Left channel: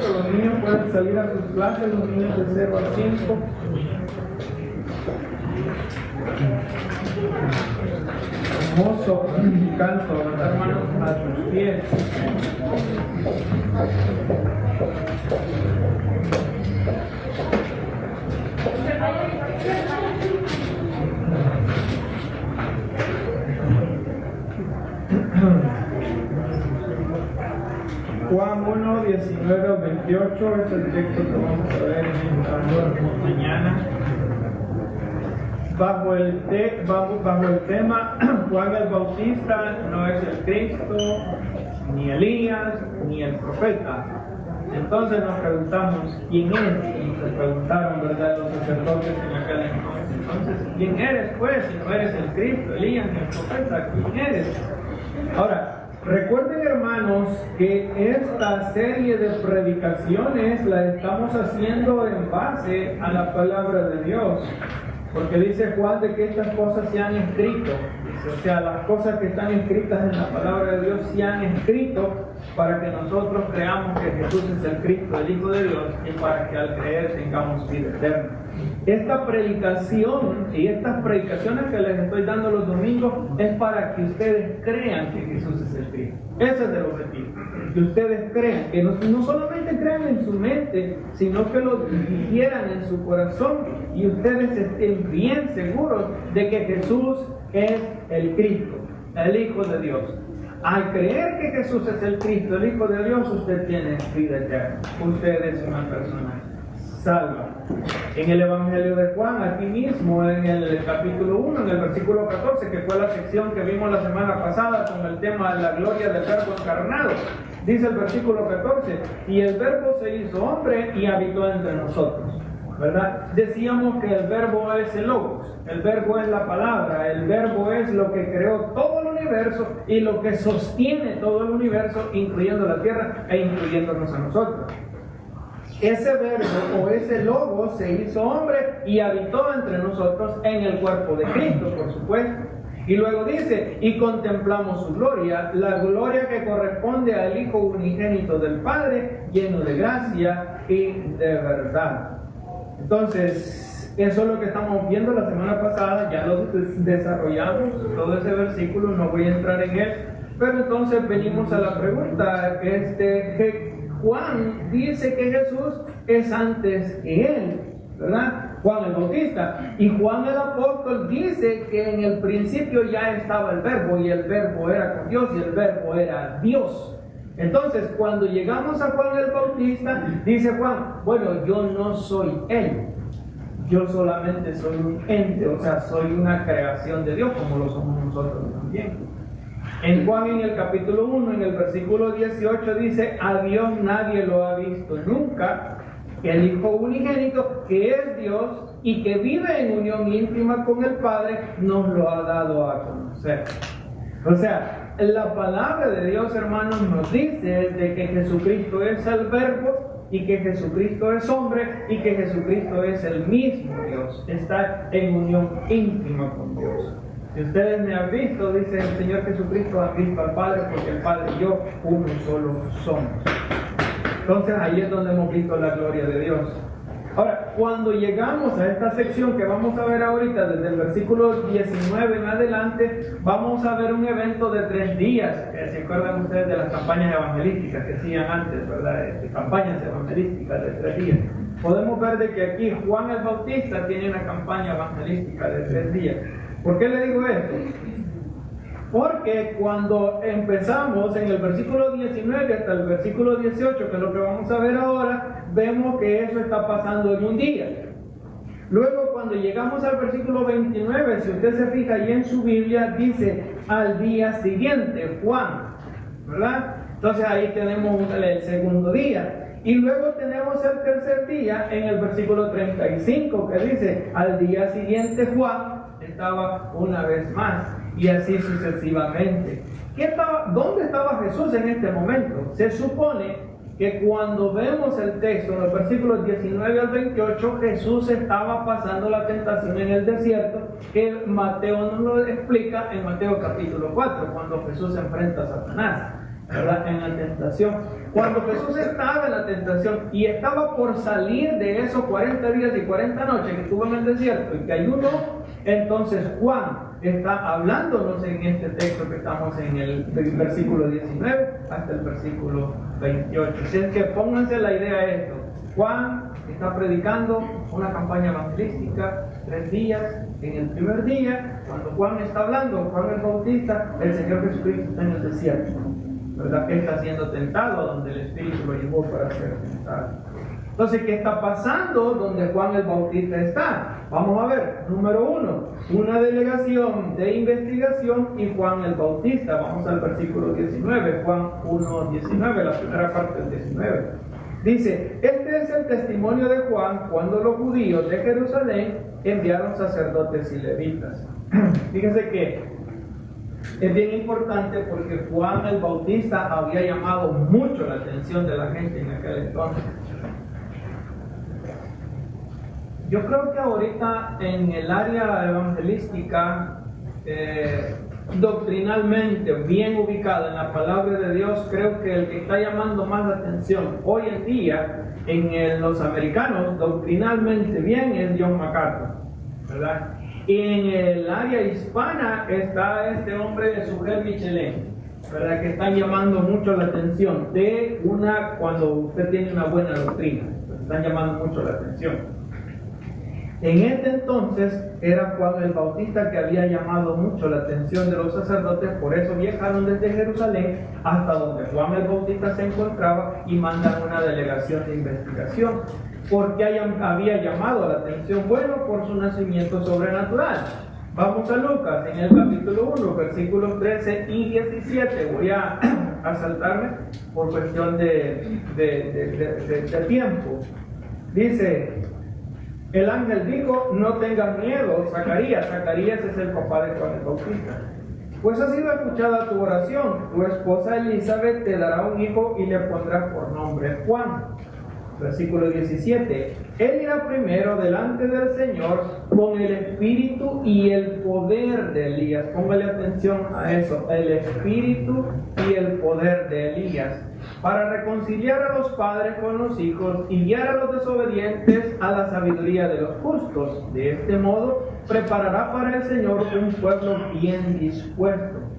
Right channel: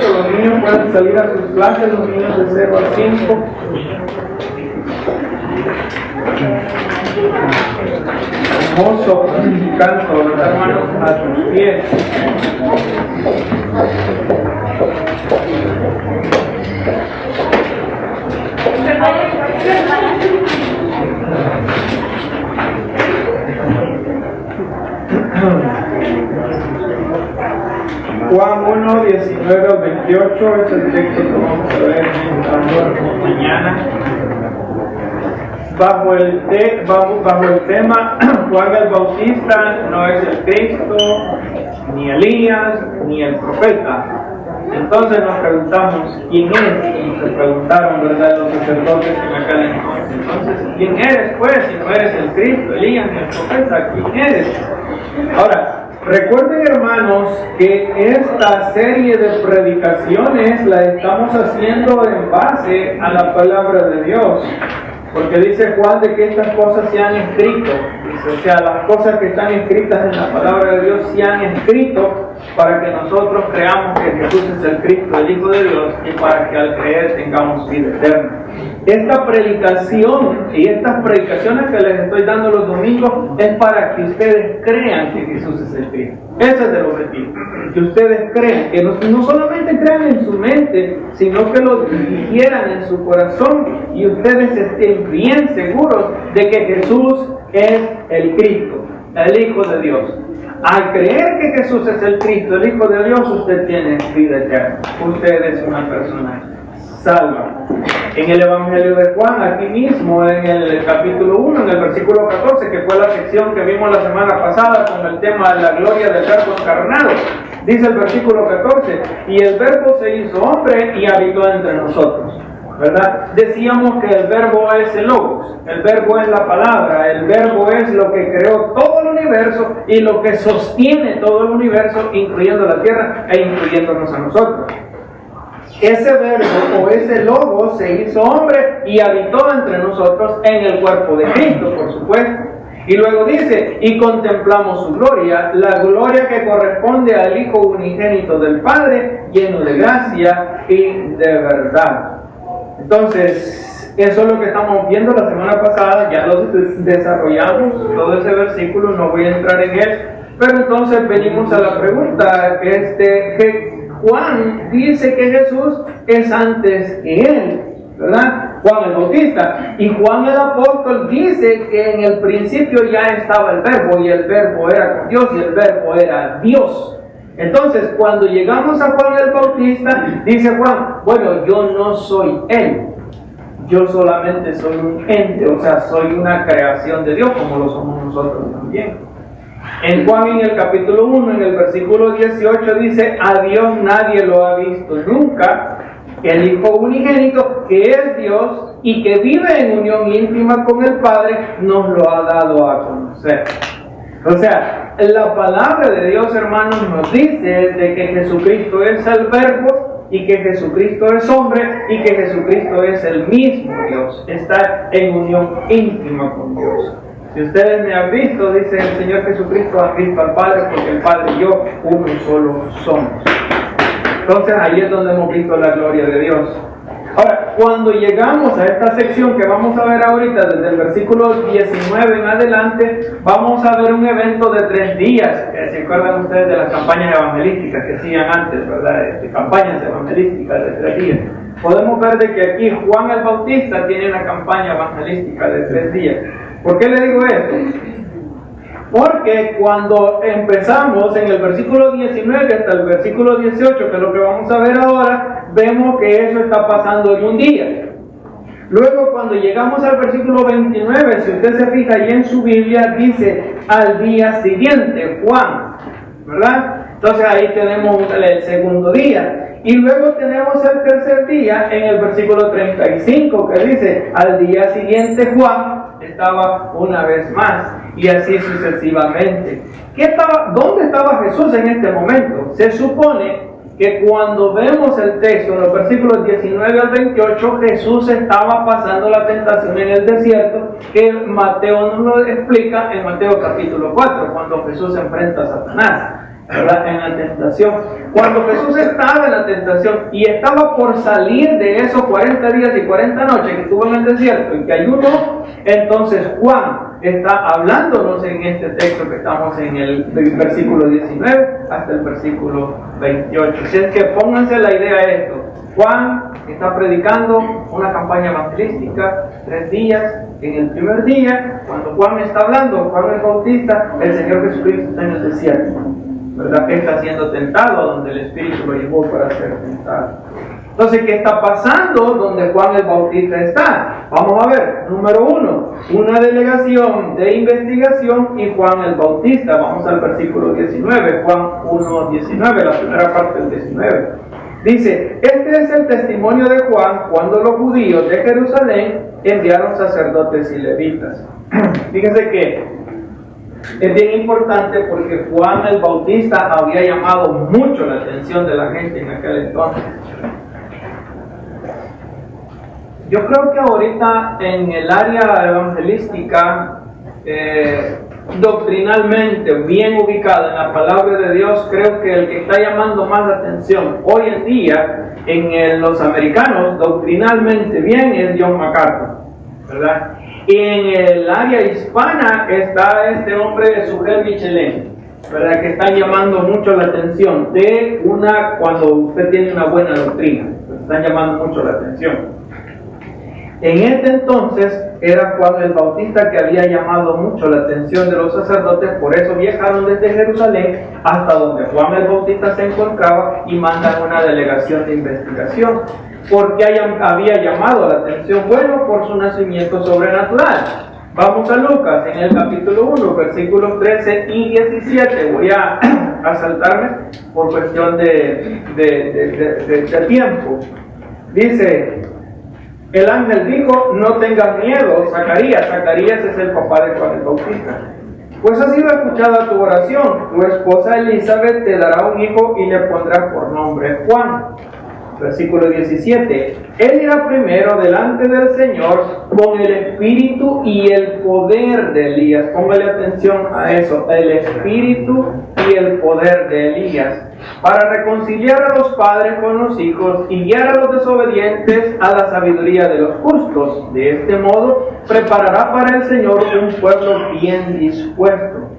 18, los niños pueden salir a sus clases, los niños de 0 a 5. Hermoso canto, los hermanos a tus pies. Juan 1, 19 al 28 es el texto que vamos a ver mañana. Bajo el tema, Juan el Bautista no es el Cristo, ni Elías, ni el profeta. Entonces nos preguntamos, ¿quién es? Y se preguntaron, ¿verdad?, los sacerdotes en aquel entonces. Entonces, ¿quién eres, pues? Si no eres el Cristo, Elías, ni el profeta, ¿quién eres? Ahora, recuerden, hermanos, que esta serie de predicaciones la estamos haciendo en base a la palabra de Dios. Porque dice Juan de que estas cosas se han escrito. Dice, o sea, las cosas que están escritas en la palabra de Dios se han escrito para que nosotros creamos que Jesús es el Cristo, el Hijo de Dios, y para que al creer tengamos vida eterna. Esta predicación y estas predicaciones que les estoy dando los domingos es para que ustedes crean que Jesús es el Cristo. Ese es el objetivo. Que ustedes crean, que no solamente crean en su mente, sino que lo digieran en su corazón y ustedes estén bien seguros de que Jesús es el Cristo, el Hijo de Dios. Al creer que Jesús es el Cristo, el Hijo de Dios, usted tiene vida eterna. Usted es una persona salva. En el Evangelio de Juan, aquí mismo, en el capítulo 1, en el versículo 14, que fue la sección que vimos la semana pasada con el tema de la gloria del Verbo encarnado, dice el versículo 14, y el Verbo se hizo hombre y habitó entre nosotros. ¿Verdad? Decíamos que el Verbo es el Logos, el Verbo es la palabra, el Verbo es lo que creó todo el universo y lo que sostiene todo el universo, incluyendo la tierra e incluyéndonos a nosotros. Ese Verbo o ese Logos se hizo hombre y habitó entre nosotros en el cuerpo de Cristo, por supuesto. Y luego dice, y contemplamos su gloria, la gloria que corresponde al Hijo unigénito del Padre, lleno de gracia y de verdad. Entonces, eso es lo que estamos viendo la semana pasada, ya lo desarrollamos, todo ese versículo, no voy a entrar en él, pero entonces venimos a la pregunta, que Juan dice que Jesús es antes que él, ¿verdad? Juan el Bautista, y Juan el apóstol dice que en el principio ya estaba el Verbo, y el Verbo era con Dios, y el Verbo era Dios. Entonces, cuando llegamos a Juan el Bautista, dice Juan, bueno, yo no soy él, yo solamente soy un ente, o sea, soy una creación de Dios, como lo somos nosotros también. En Juan, en el capítulo 1, en el versículo 18, dice, a Dios nadie lo ha visto nunca, el Hijo unigénito, que es Dios y que vive en unión íntima con el Padre, nos lo ha dado a conocer. O sea, la palabra de Dios, hermanos, nos dice de que Jesucristo es el Verbo y que Jesucristo es hombre y que Jesucristo es el mismo Dios. Está en unión íntima con Dios. Si ustedes me han visto, dice el Señor Jesucristo, han visto al Padre, porque el Padre y yo uno solo somos. Entonces ahí es donde hemos visto la gloria de Dios. Ahora, cuando llegamos a esta sección que vamos a ver ahorita, desde el versículo 19 en adelante, vamos a ver un evento de 3 días. ¿Se acuerdan ustedes de las campañas evangelísticas que hacían antes, verdad? Campañas evangelísticas de 3 días. Podemos ver de que aquí Juan el Bautista tiene una campaña evangelística de 3 días. ¿Por qué le digo esto? Porque cuando empezamos en el versículo 19 hasta el versículo 18, que es lo que vamos a ver ahora, vemos que eso está pasando en un día. Luego, cuando llegamos al versículo 29, si usted se fija ahí en su Biblia, dice al día siguiente, Juan, ¿verdad? Entonces ahí tenemos el segundo día. Y luego tenemos el tercer día en el versículo 35, que dice, al día siguiente Juan estaba una vez más, y así sucesivamente. ¿Dónde estaba Jesús en este momento? Se supone que cuando vemos el texto, en los versículos 19 al 28, Jesús estaba pasando la tentación en el desierto, que Mateo nos lo explica en Mateo capítulo 4, cuando Jesús se enfrenta a Satanás. ¿verdad? En la tentación. Cuando Jesús estaba en la tentación y estaba por salir de esos 40 días y 40 noches que estuvo en el desierto y que ayunó, entonces Juan está hablándonos en este texto que estamos en el versículo 19 hasta el versículo 28. Así es que pónganse la idea de esto. Juan está predicando una campaña evangelística, 3 días. En el primer día, cuando Juan está hablando, Juan el Bautista, el Señor Jesucristo está en el desierto, ¿verdad? Está siendo tentado, donde el Espíritu lo llevó para ser tentado. Entonces, ¿qué está pasando donde Juan el Bautista está? Vamos a ver, número 1, una delegación de investigación y Juan el Bautista. Vamos al versículo 19, Juan 1:19, la primera parte del 19. Dice, este es el testimonio de Juan cuando los judíos de Jerusalén enviaron sacerdotes y levitas. Fíjense que es bien importante porque Juan el Bautista había llamado mucho la atención de la gente en aquel entonces. Yo creo que ahorita en el área evangelística, doctrinalmente bien ubicada en la palabra de Dios, creo que el que está llamando más la atención hoy en día en los americanos, doctrinalmente bien, es John MacArthur, ¿verdad? Y en el área hispana está este hombre, Sugel Michelén, ¿verdad? Que están llamando mucho la atención de cuando usted tiene una buena doctrina, están llamando mucho la atención. En este entonces era Juan el Bautista que había llamado mucho la atención de los sacerdotes, por eso viajaron desde Jerusalén hasta donde Juan el Bautista se encontraba y mandan una delegación de investigación, porque había llamado la atención, bueno, por su nacimiento sobrenatural. Vamos a Lucas, en el capítulo 1, versículos 13 y 17. Voy a saltarme por cuestión de tiempo. Dice, el ángel dijo, no tengas miedo, Zacarías. Zacarías es el papá de Juan el Bautista. Pues ha sido escuchada tu oración. Tu esposa Elizabeth te dará un hijo y le pondrás por nombre Juan. Versículo 17. Él irá primero delante del Señor con el espíritu y el poder de Elías. Póngale atención a eso. El espíritu y el poder de Elías. Para reconciliar a los padres con los hijos y guiar a los desobedientes a la sabiduría de los justos. De este modo, preparará para el Señor un pueblo bien dispuesto.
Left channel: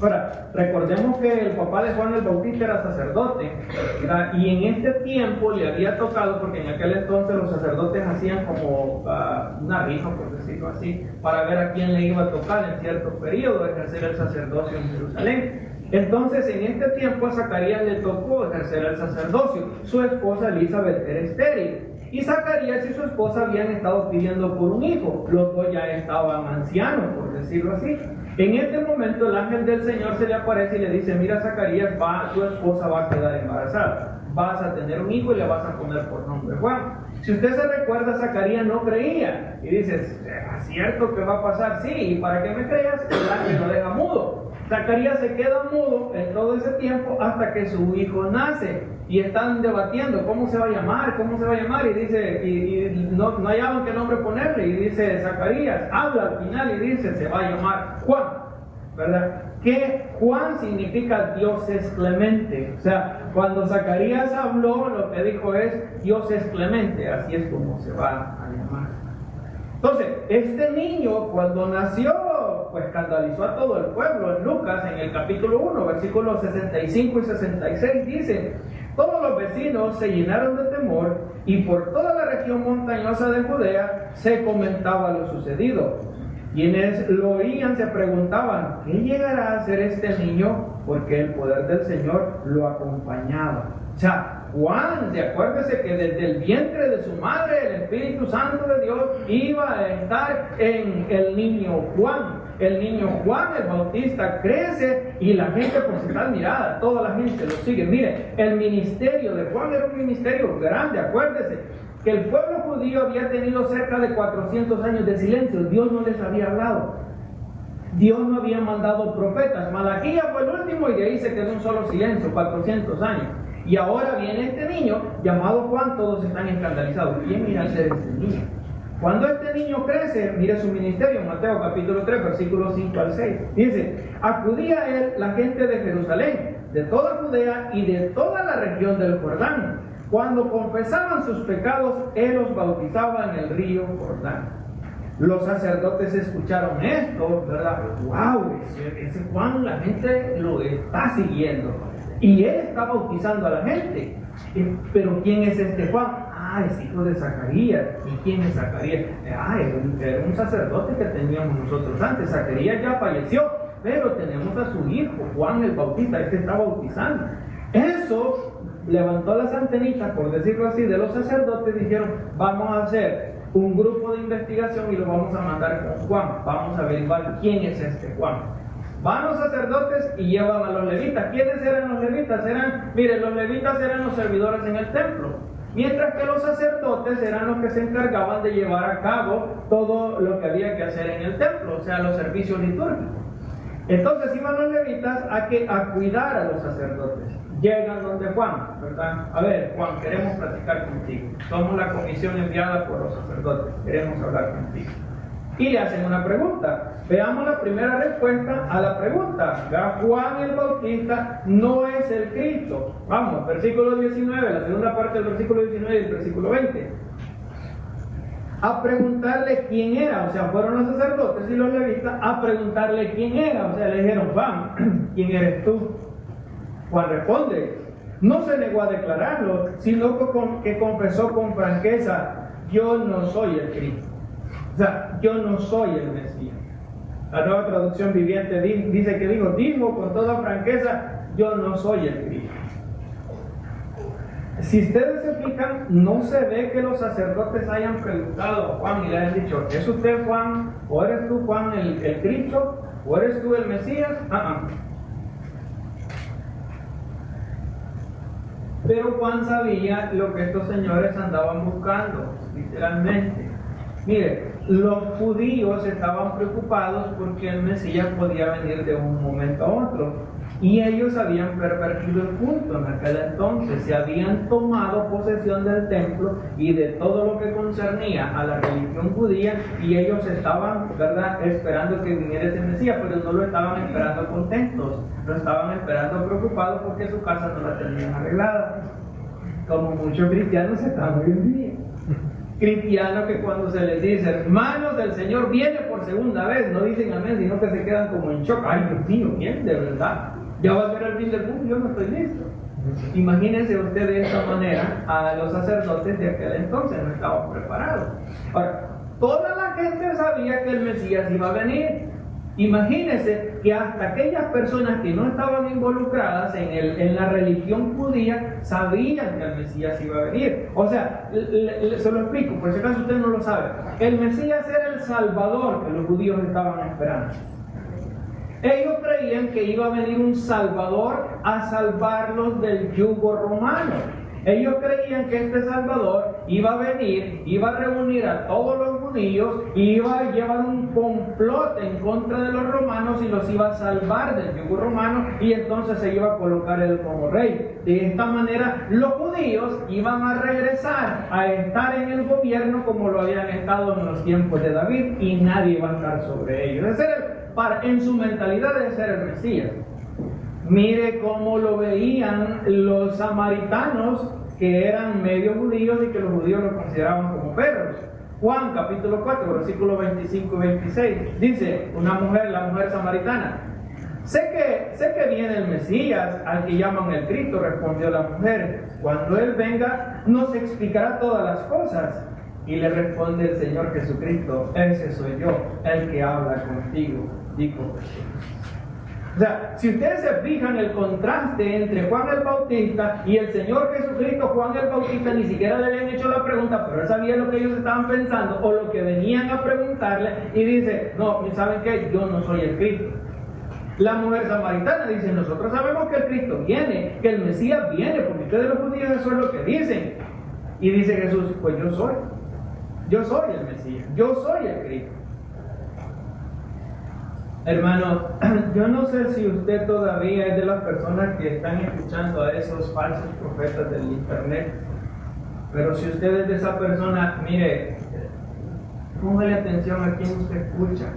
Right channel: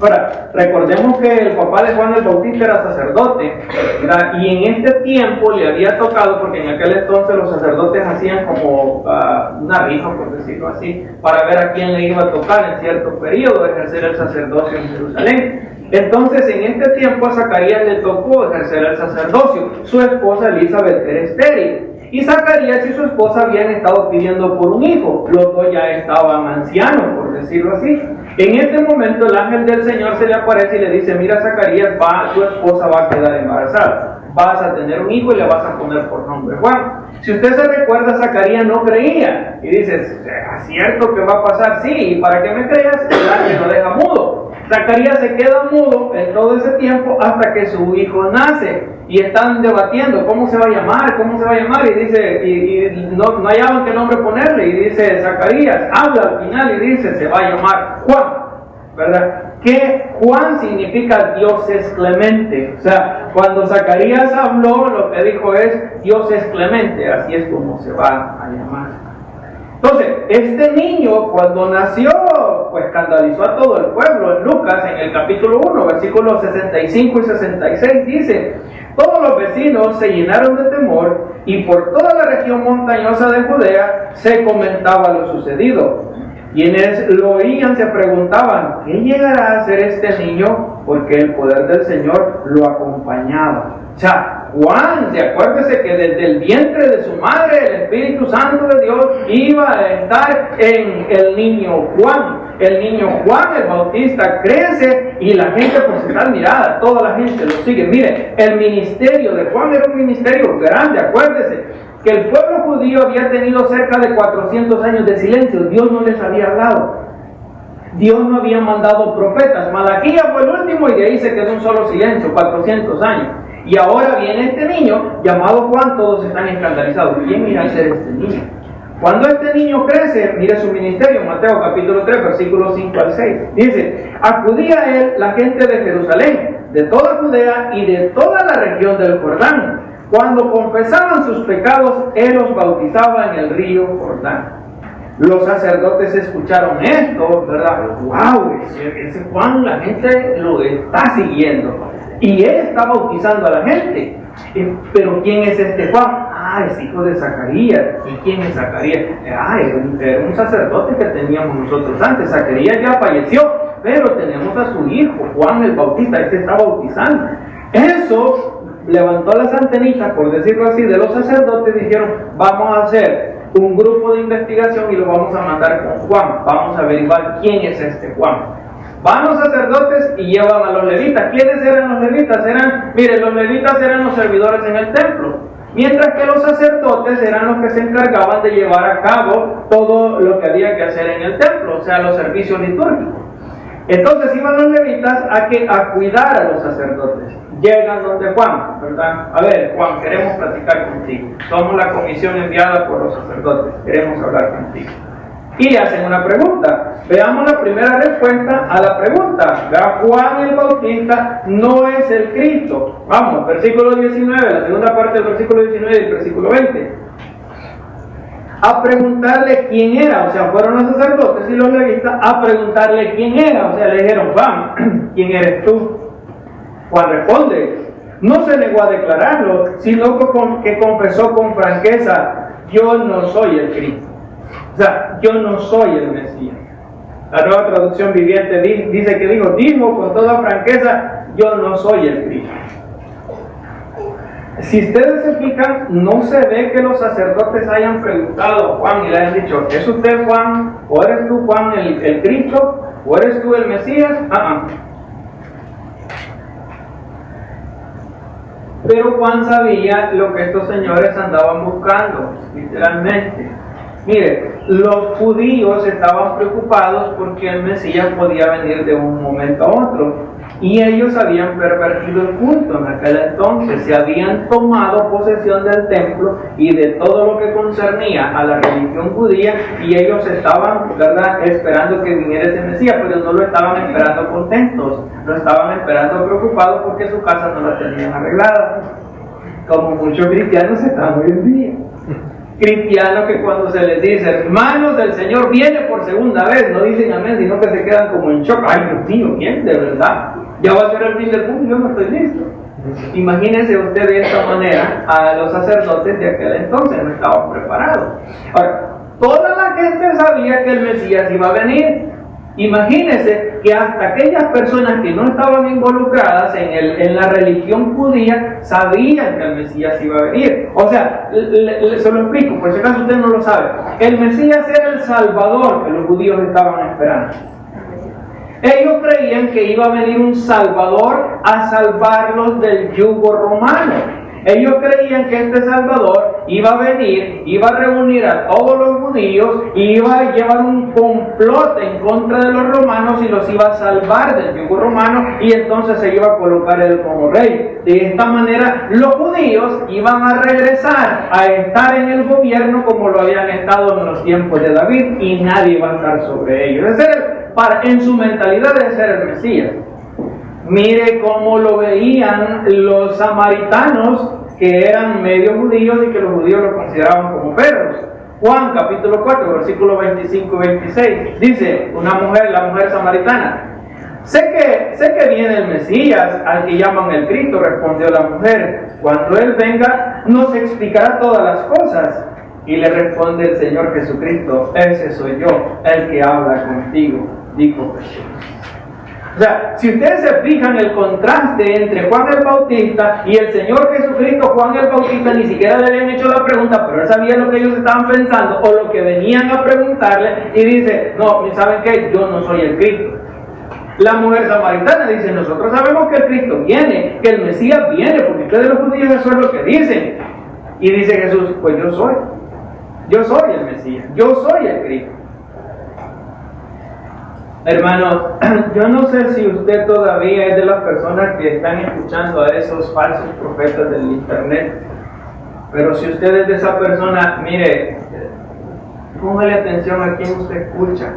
Ahora, recordemos que el papá de Juan el Bautista era sacerdote, ¿verdad? Y en este tiempo le había tocado, porque en aquel entonces los sacerdotes hacían como una rifa, por decirlo así, para ver a quién le iba a tocar en cierto periodo ejercer el sacerdocio en Jerusalén. Entonces, en este tiempo a Zacarías le tocó ejercer el sacerdocio. Su esposa Elizabeth era estéril. Y Zacarías y su esposa habían estado pidiendo por un hijo. Los dos ya estaban ancianos, por decirlo así. En este momento el ángel del Señor se le aparece y le dice, mira Zacarías, tu esposa va a quedar embarazada. Vas a tener un hijo y le vas a poner por nombre Juan. Si usted se recuerda, Zacarías no creía. Y dice, ¿es cierto que va a pasar? Sí, y para que me creas, el ángel lo deja mudo. Zacarías se queda mudo en todo ese tiempo hasta que su hijo nace. Y están debatiendo cómo se va a llamar, y dice, y no hallaban qué nombre ponerle, y dice Zacarías, habla al final y dice, se va a llamar Juan, ¿verdad? Que Juan significa Dios es clemente. O sea, cuando Zacarías habló, lo que dijo es, Dios es clemente, así es como se va a llamar. Entonces, este niño cuando nació, pues escandalizó a todo el pueblo. En Lucas, en el capítulo 1, versículos 65 y 66, dice, todos los vecinos se llenaron de temor y por toda la región montañosa de Judea se comentaba lo sucedido. Quienes lo oían se preguntaban, ¿qué llegará a hacer este niño? Porque el poder del Señor lo acompañaba. O sea, Juan, acuérdese que desde el vientre de su madre, el Espíritu Santo de Dios iba a estar en el niño Juan. El niño Juan el Bautista crece y la gente pues está admirada, toda la gente lo sigue. Mire, el ministerio de Juan era un ministerio grande, acuérdese que el pueblo judío había tenido cerca de 400 años de silencio, Dios no les había hablado. Dios no había mandado profetas. Malaquías fue el último y de ahí se quedó un solo silencio, 400 años. Y ahora viene este niño llamado Juan, todos están escandalizados. ¿Quién irá a ser este niño? Cuando este niño crece, mire su ministerio, Mateo capítulo 3, versículos 5 al 6. Dice, acudía a él la gente de Jerusalén, de toda Judea y de toda la región del Jordán. Cuando confesaban sus pecados, él los bautizaba en el río Jordán. Los sacerdotes escucharon esto, ¿verdad? ¡Wow! Ese Juan, la gente lo está siguiendo. Y él está bautizando a la gente. Pero ¿quién es este Juan? Es hijo de Zacarías. ¿Y quién es Zacarías? Era un sacerdote que teníamos nosotros antes. Zacarías ya falleció, pero tenemos a su hijo, Juan el Bautista. Este está bautizando. Eso levantó las antenitas, por decirlo así, de los sacerdotes. Dijeron, vamos a hacer un grupo de investigación y lo vamos a mandar con Juan. Vamos a averiguar quién es este Juan. Van los sacerdotes y llevan a los levitas. ¿Quiénes eran los levitas? Los levitas eran los servidores en el templo, mientras que los sacerdotes eran los que se encargaban de llevar a cabo todo lo que había que hacer en el templo, o sea, los servicios litúrgicos. Entonces iban los levitas a cuidar a los sacerdotes. Llegan donde Juan, ¿verdad? A ver, Juan, queremos platicar contigo. Somos la comisión enviada por los sacerdotes. Queremos hablar contigo. Y le hacen una pregunta. Veamos la primera respuesta a la pregunta. Juan el Bautista no es el Cristo. Vamos, versículo 19, la segunda parte del versículo 19 y el versículo 20. A preguntarle quién era, o sea, fueron los sacerdotes y los levitas a preguntarle quién era, o sea, le dijeron, Juan, ¿quién eres tú? Juan responde, no se negó a declararlo, sino que confesó con franqueza, yo no soy el Cristo. O sea, yo no soy el Mesías. La Nueva Traducción Viviente dice que dijo con toda franqueza, yo no soy el Cristo. Si ustedes se fijan, no se ve que los sacerdotes hayan preguntado a Juan y le hayan dicho, ¿es usted Juan? ¿O eres tú Juan el Cristo? ¿O eres tú el Mesías? Pero Juan sabía lo que estos señores andaban buscando, literalmente. Mire, los judíos estaban preocupados porque el Mesías podía venir de un momento a otro. Y ellos habían pervertido el culto en aquel entonces, se habían tomado posesión del templo y de todo lo que concernía a la religión judía, y ellos estaban, ¿verdad?, esperando que viniera ese Mesías, pero no lo estaban esperando contentos, lo estaban esperando preocupados porque su casa no la tenían arreglada, como muchos cristianos están hoy en día. Cristianos que cuando se les dice, hermanos, el Señor viene por segunda vez, no dicen amén, sino que se quedan como en shock. Ay, Dios mío, ¿quién? De verdad, ya va a ser el fin del mundo, yo no estoy listo. Imagínense usted de esta manera a los sacerdotes de aquel entonces, no estaban preparados. Ahora, toda la gente sabía que el Mesías iba a venir. Imagínense que hasta aquellas personas que no estaban involucradas en la religión judía sabían que el Mesías iba a venir. O sea, se lo explico, por si acaso usted no lo sabe. El Mesías era el Salvador que los judíos estaban esperando. Ellos creían que iba a venir un Salvador a salvarlos del yugo romano. Ellos creían que este Salvador iba a venir, iba a reunir a todos los judíos, iba a llevar un complot en contra de los romanos y los iba a salvar del yugo romano, y entonces se iba a colocar él como rey. De esta manera los judíos iban a regresar a estar en el gobierno como lo habían estado en los tiempos de David, y nadie iba a estar sobre ellos. Ese era en su mentalidad de ser el Mesías. Mire cómo lo veían los samaritanos, que eran medio judíos y que los judíos lo consideraban como perros. Juan capítulo 4, versículos 25 y 26, dice la mujer samaritana, sé que viene el Mesías, al que llaman el Cristo, respondió la mujer, cuando Él venga nos explicará todas las cosas. Y le responde el Señor Jesucristo, ese soy yo, el que habla contigo, dijo Jesús. O sea, si ustedes se fijan el contraste entre Juan el Bautista y el Señor Jesucristo, Juan el Bautista ni siquiera le habían hecho la pregunta, pero él sabía lo que ellos estaban pensando o lo que venían a preguntarle, y dice, no, ¿saben qué? Yo no soy el Cristo. La mujer samaritana dice, nosotros sabemos que el Cristo viene, que el Mesías viene, porque ustedes los judíos eso es lo que dicen. Y dice Jesús, pues yo soy el Mesías, yo soy el Cristo. Hermanos, yo no sé si usted todavía es de las personas que están escuchando a esos falsos profetas del internet, pero si usted es de esa persona, mire, póngale atención a quien usted escucha,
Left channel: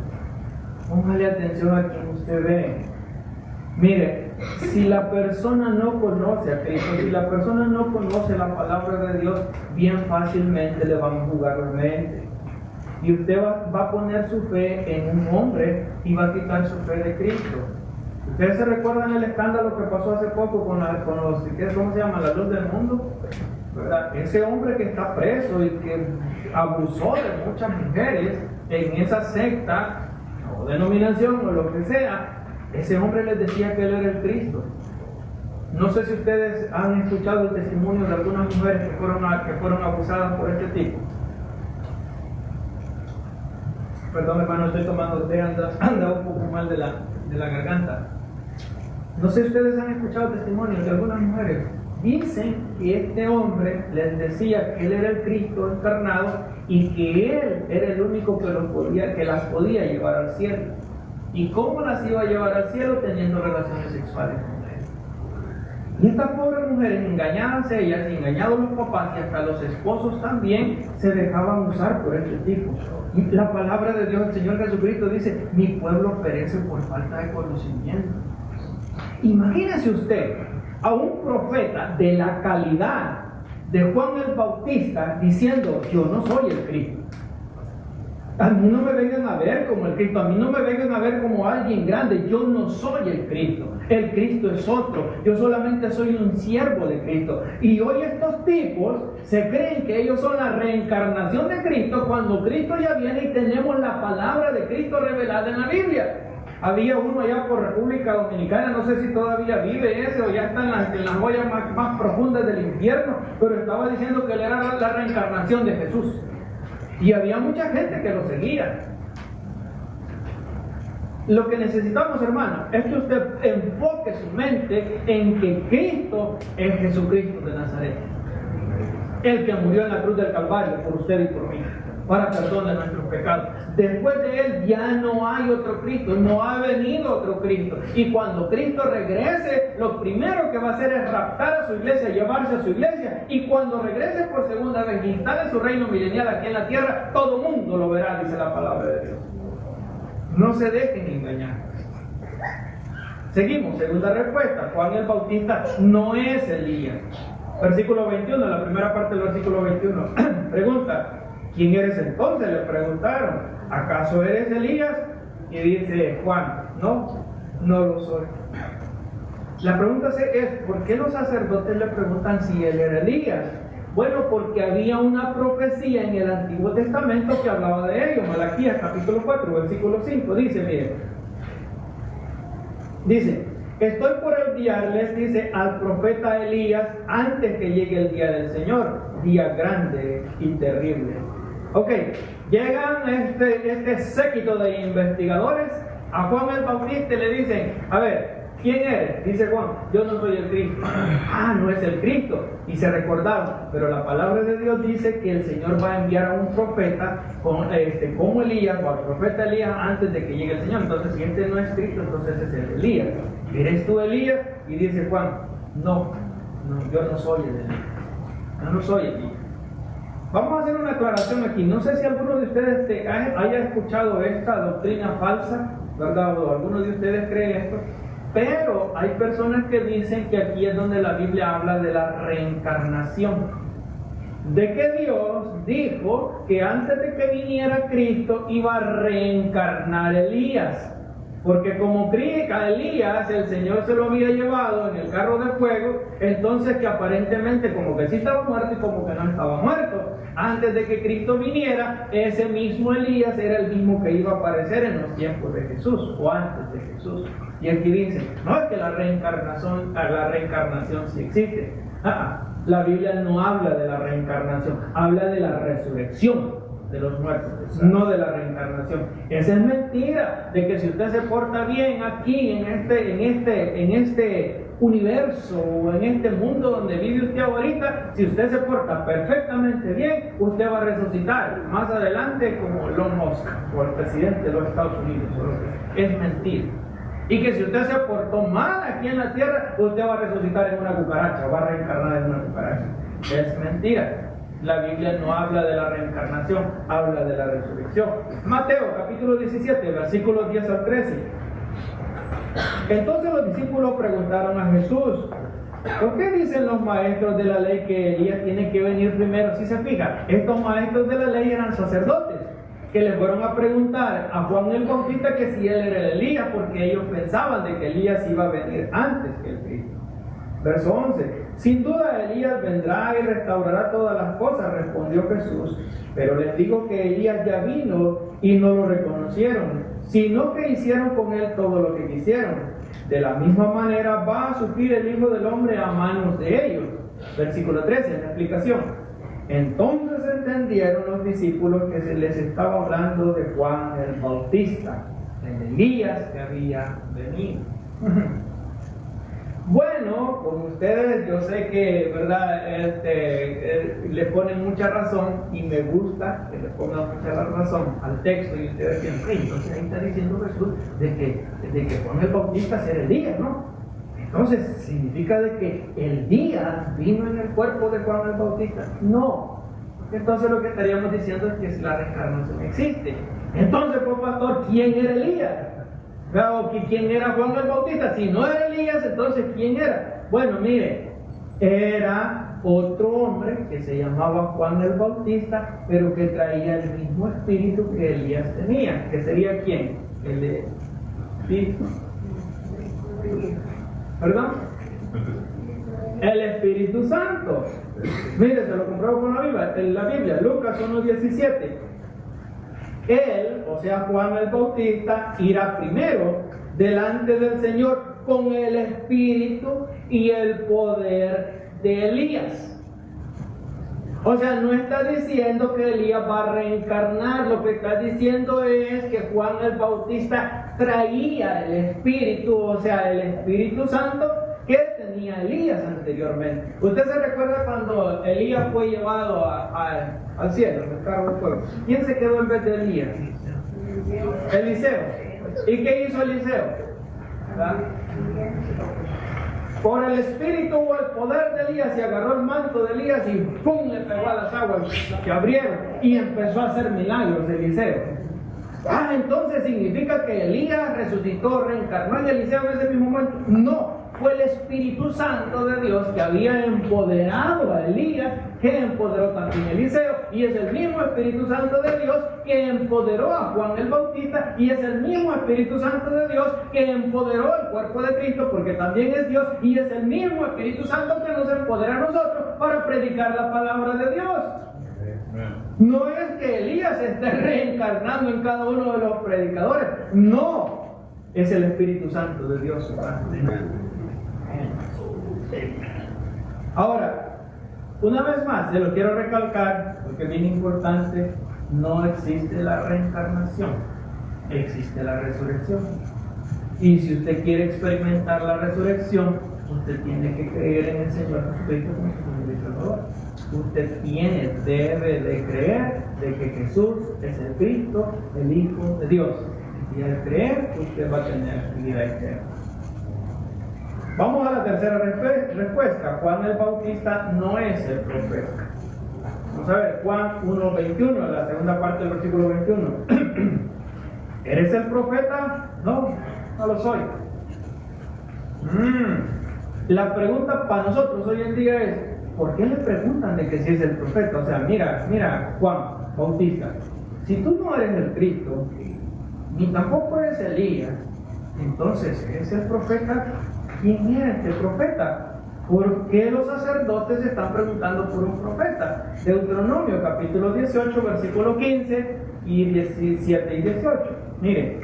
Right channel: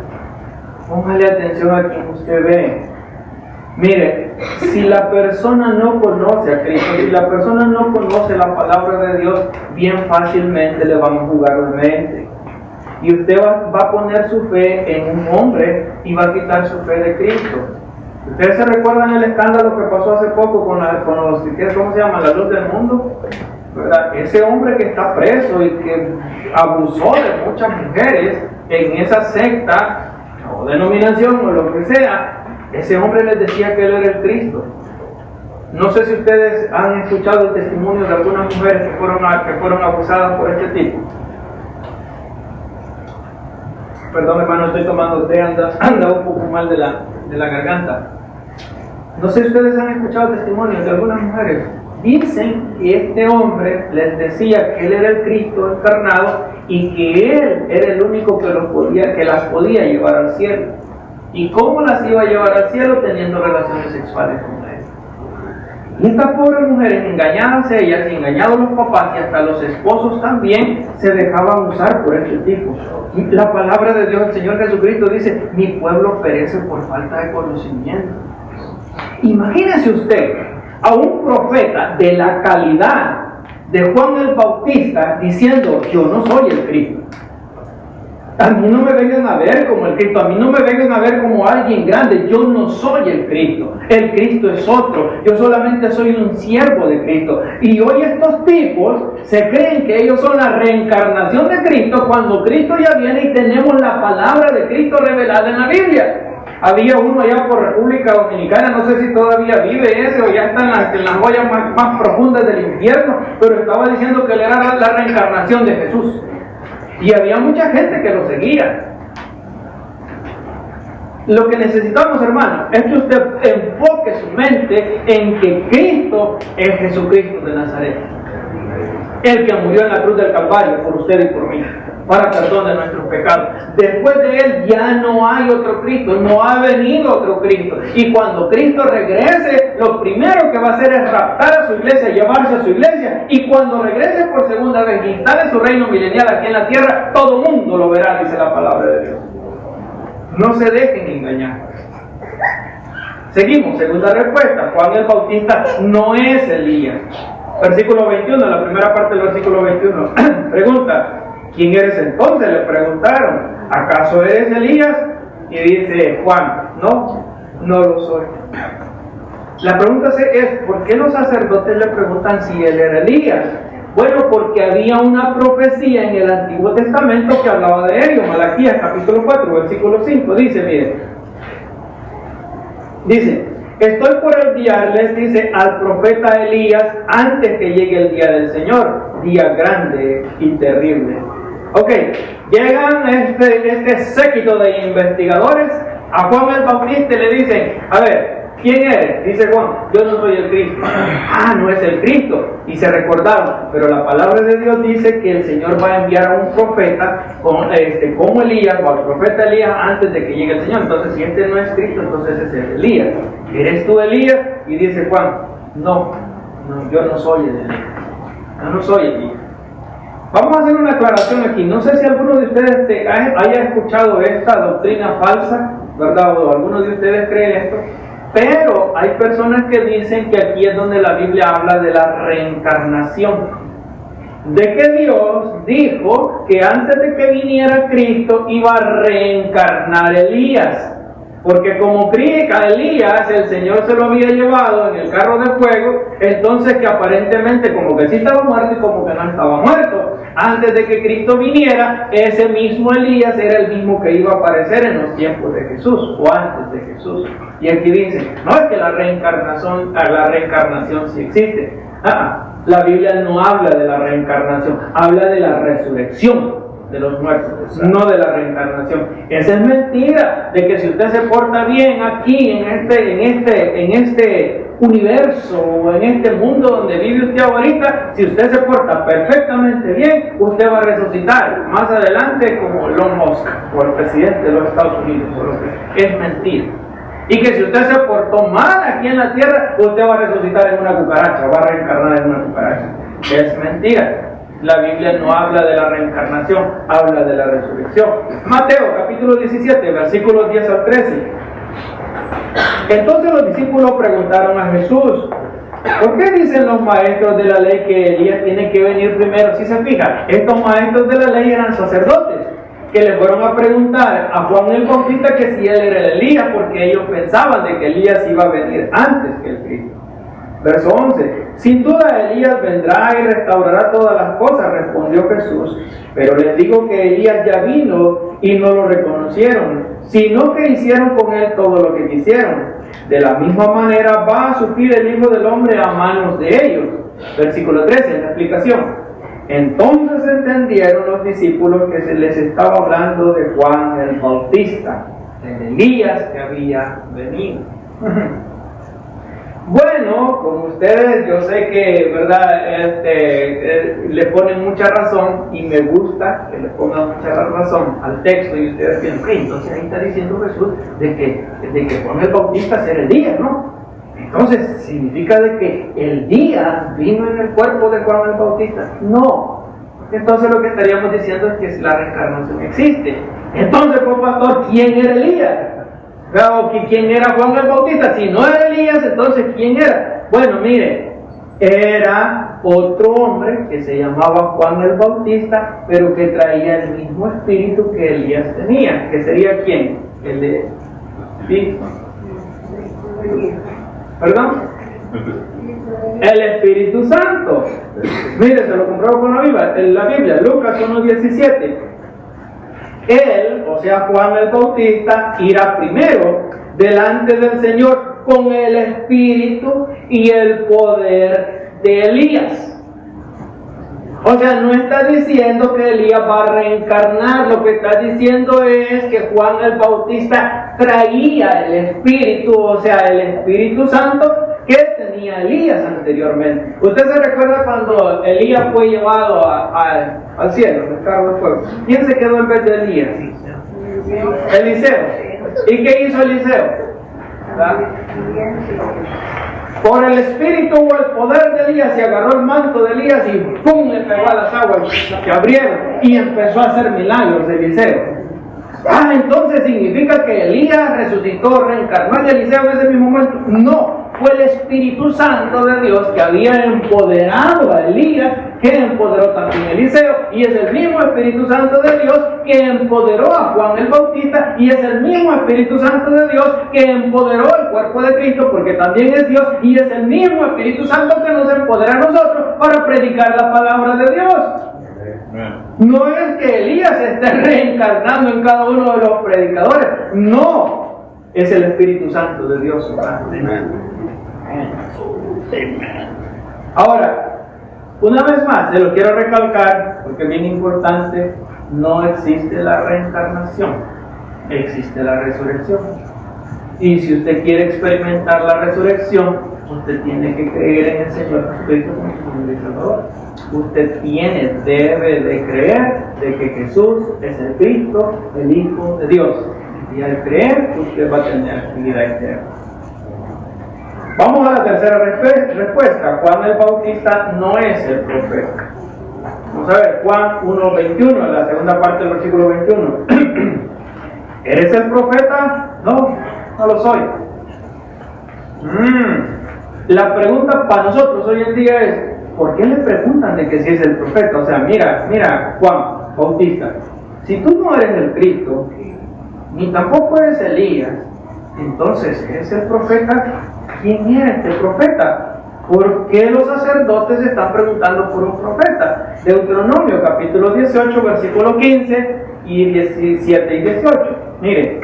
póngale atención a quien usted ve. Mire, si la persona no conoce a Cristo, si la persona no conoce la palabra de Dios, bien fácilmente le van a jugar la mente. Y usted va a poner su fe en un hombre y va a quitar su fe de Cristo. ¿Ustedes se recuerdan el escándalo que pasó hace poco con los, ¿cómo se llama? La luz del mundo, ¿verdad? Ese hombre que está preso y que abusó de muchas mujeres en esa secta o denominación o lo que sea, ese hombre les decía que él era el Cristo. No sé si ustedes han escuchado el testimonio de algunas mujeres que fueron abusadas por este tipo. Perdón, hermano, estoy tomando té, anda un poco mal de la garganta. No sé si ustedes han escuchado testimonios de algunas mujeres. Dicen que este hombre les decía que él era el Cristo encarnado y que él era el único que las podía llevar al cielo. ¿Y cómo las iba a llevar al cielo? Teniendo relaciones sexuales con él. Y estas pobres mujeres, engañadas ellas y engañados los papás y hasta los esposos también, se dejaban usar por este tipo. Y la palabra de Dios, el Señor Jesucristo dice: mi pueblo perece por falta de conocimiento. Imagínese usted a un profeta de la calidad de Juan el Bautista diciendo: yo no soy el Cristo. A mí no me vengan a ver como el Cristo, a mí no me vengan a ver como alguien grande, yo no soy el Cristo es otro, yo solamente soy un siervo de Cristo. Y hoy estos tipos se creen que ellos son la reencarnación de Cristo cuando Cristo ya viene y tenemos la palabra de Cristo revelada en la Biblia. Había uno allá por República Dominicana, no sé si todavía vive ese o ya está en las joyas más profundas del infierno, pero estaba diciendo que él era la reencarnación de Jesús. Y había mucha gente que lo seguía. Lo que necesitamos, hermano, es que usted enfoque su mente en que Cristo es Jesucristo de Nazaret, el que murió en la cruz del Calvario por usted y por mí, para perdón de nuestros pecados. Después de él ya no hay otro Cristo, no ha venido otro Cristo. Y cuando Cristo regrese, lo primero que va a hacer es raptar a su iglesia, llevarse a su iglesia. Y cuando regrese por segunda vez y instale su reino milenial aquí en la tierra, todo mundo lo verá, dice la palabra de Dios. No se dejen engañar. Seguimos, segunda respuesta: Juan el Bautista no es Elías. Versículo 21, la primera parte del versículo 21. Pregunta: ¿quién eres entonces? Le preguntaron: ¿acaso eres Elías? Y dice Juan: no lo soy. La pregunta es: ¿por qué los sacerdotes le preguntan si él era Elías? Bueno, porque había una profecía en el Antiguo Testamento que hablaba de ello. Malaquías capítulo 4, versículo 5, dice, dice: estoy por enviarles, dice, al profeta Elías antes que llegue el día del Señor, día grande y terrible. Ok, llegan este séquito de investigadores a Juan el Bautista y le dicen: a ver, ¿quién eres? Dice Juan: yo no soy el Cristo. No es el Cristo. Y se recordaron, pero la palabra de Dios dice que el Señor va a enviar a un profeta como Elías, o al profeta Elías, antes de que llegue el Señor. Entonces, si este no es Cristo, entonces es Elías. ¿Eres tú Elías? Y dice Juan: no, yo no soy Elías. Yo no soy Elías. Vamos a hacer una aclaración aquí. No sé si alguno de ustedes haya escuchado esta doctrina falsa, ¿verdad? O alguno de ustedes cree esto. Pero hay personas que dicen que aquí es donde la Biblia habla de la reencarnación. De que Dios dijo que antes de que viniera Cristo iba a reencarnar Elías. Porque como a Elías el Señor se lo había llevado en el carro de fuego, entonces que aparentemente como que sí estaba muerto y como que no estaba muerto. Antes de que Cristo viniera, ese mismo Elías era el mismo que iba a aparecer en los tiempos de Jesús o antes de Jesús. Y aquí dice: no es que la reencarnación sí existe. La Biblia no habla de la reencarnación, habla de la resurrección de los muertos, no de la reencarnación. Esa es mentira, de que si usted se porta bien aquí en este universo o en este mundo donde vive usted ahorita, si usted se porta perfectamente bien, usted va a resucitar más adelante como Elon Musk o el presidente de los Estados Unidos. Es mentira. Y que si usted se portó mal aquí en la tierra, usted va a resucitar en una cucaracha, va a reencarnar en una cucaracha. Es mentira. La Biblia no habla de la reencarnación, habla de la resurrección. Mateo capítulo 17, versículos 10 al 13. Entonces los discípulos preguntaron a Jesús: ¿por qué dicen los maestros de la ley que Elías tiene que venir primero? Si se fija, estos maestros de la ley eran sacerdotes que le fueron a preguntar a Juan el Bautista que si él era el Elías, porque ellos pensaban de que Elías iba a venir antes que el Cristo. Verso 11: sin duda Elías vendrá y restaurará todas las cosas, respondió Jesús, pero les digo que Elías ya vino y no lo reconocieron, sino que hicieron con él todo lo que quisieron. De la misma manera va a sufrir el Hijo del Hombre a manos de ellos. Versículo 13, la explicación. Entonces entendieron los discípulos que se les estaba hablando de Juan el Bautista, de Elías que había venido. Bueno, como ustedes, yo sé que, ¿verdad? Le ponen mucha razón, y me gusta que le pongan mucha razón al texto, y ustedes piensan, entonces ahí está diciendo Jesús de que Juan el Bautista será el día, ¿no? Entonces, ¿significa de que el día vino en el cuerpo de Juan el Bautista? No. Entonces lo que estaríamos diciendo es que la reencarnación existe. Entonces, pues, pastor, ¿quién era Elías? O ¿quién era Juan el Bautista? Si no era Elías, entonces ¿quién era? Bueno, mire, era otro hombre que se llamaba Juan el Bautista, pero que traía el mismo espíritu que Elías tenía. ¿Que sería quién? El de... ¿Sí? ¿Perdón? El Espíritu Santo. Mire, se lo compruebo con la Biblia, Lucas 1:17. Él, o sea Juan el Bautista, irá primero delante del Señor con el espíritu y el poder de Elías. O sea, no está diciendo que Elías va a reencarnar, lo que está diciendo es que Juan el Bautista traía el espíritu, o sea, el Espíritu Santo que tenía Elías anteriormente. ¿Usted se recuerda cuando Elías fue llevado al cielo, el carro de fuego? ¿Quién se quedó en vez de Elías? Eliseo. ¿Y qué hizo Eliseo? ¿Verdad? Por el espíritu o el poder de Elías se agarró el manto de Elías y ¡pum! Le pegó a las aguas que abrieron y empezó a hacer milagros de Eliseo. Entonces significa que Elías resucitó, reencarnó en Eliseo en ese mismo momento. No, fue el Espíritu Santo de Dios que había empoderado a Elías, que empoderó también a Eliseo, y es el mismo Espíritu Santo de Dios que empoderó a Juan el Bautista, y es el mismo Espíritu Santo de Dios que empoderó el cuerpo de Cristo, porque también es Dios, y es el mismo Espíritu Santo que nos empodera a nosotros para predicar la palabra de Dios. No es que Elías esté reencarnando en cada uno de los predicadores, no, es el Espíritu Santo de Dios. Ahora, una vez más, se lo quiero recalcar porque es bien importante, no existe la reencarnación, existe la resurrección. Y si usted quiere experimentar la resurrección, usted tiene que creer en el Señor Jesucristo como su Salvador. Usted debe de creer de que Jesús es el Cristo, el Hijo de Dios. Y al creer, usted va a tener vida eterna. Vamos a la tercera respuesta. Juan el Bautista no es el profeta. Vamos a ver, Juan 1:21, la segunda parte del versículo 21. ¿Eres el profeta? No, no lo soy. La pregunta para nosotros hoy en día es, ¿por qué le preguntan de que si es el profeta? O sea, mira, Juan Bautista, si tú no eres el Cristo, ni tampoco eres Elías, entonces, ¿es el profeta? ¿Quién era este profeta? ¿Por qué los sacerdotes están preguntando por un profeta? Deuteronomio capítulo 18, versículo 15 y 17 y 18. Mire,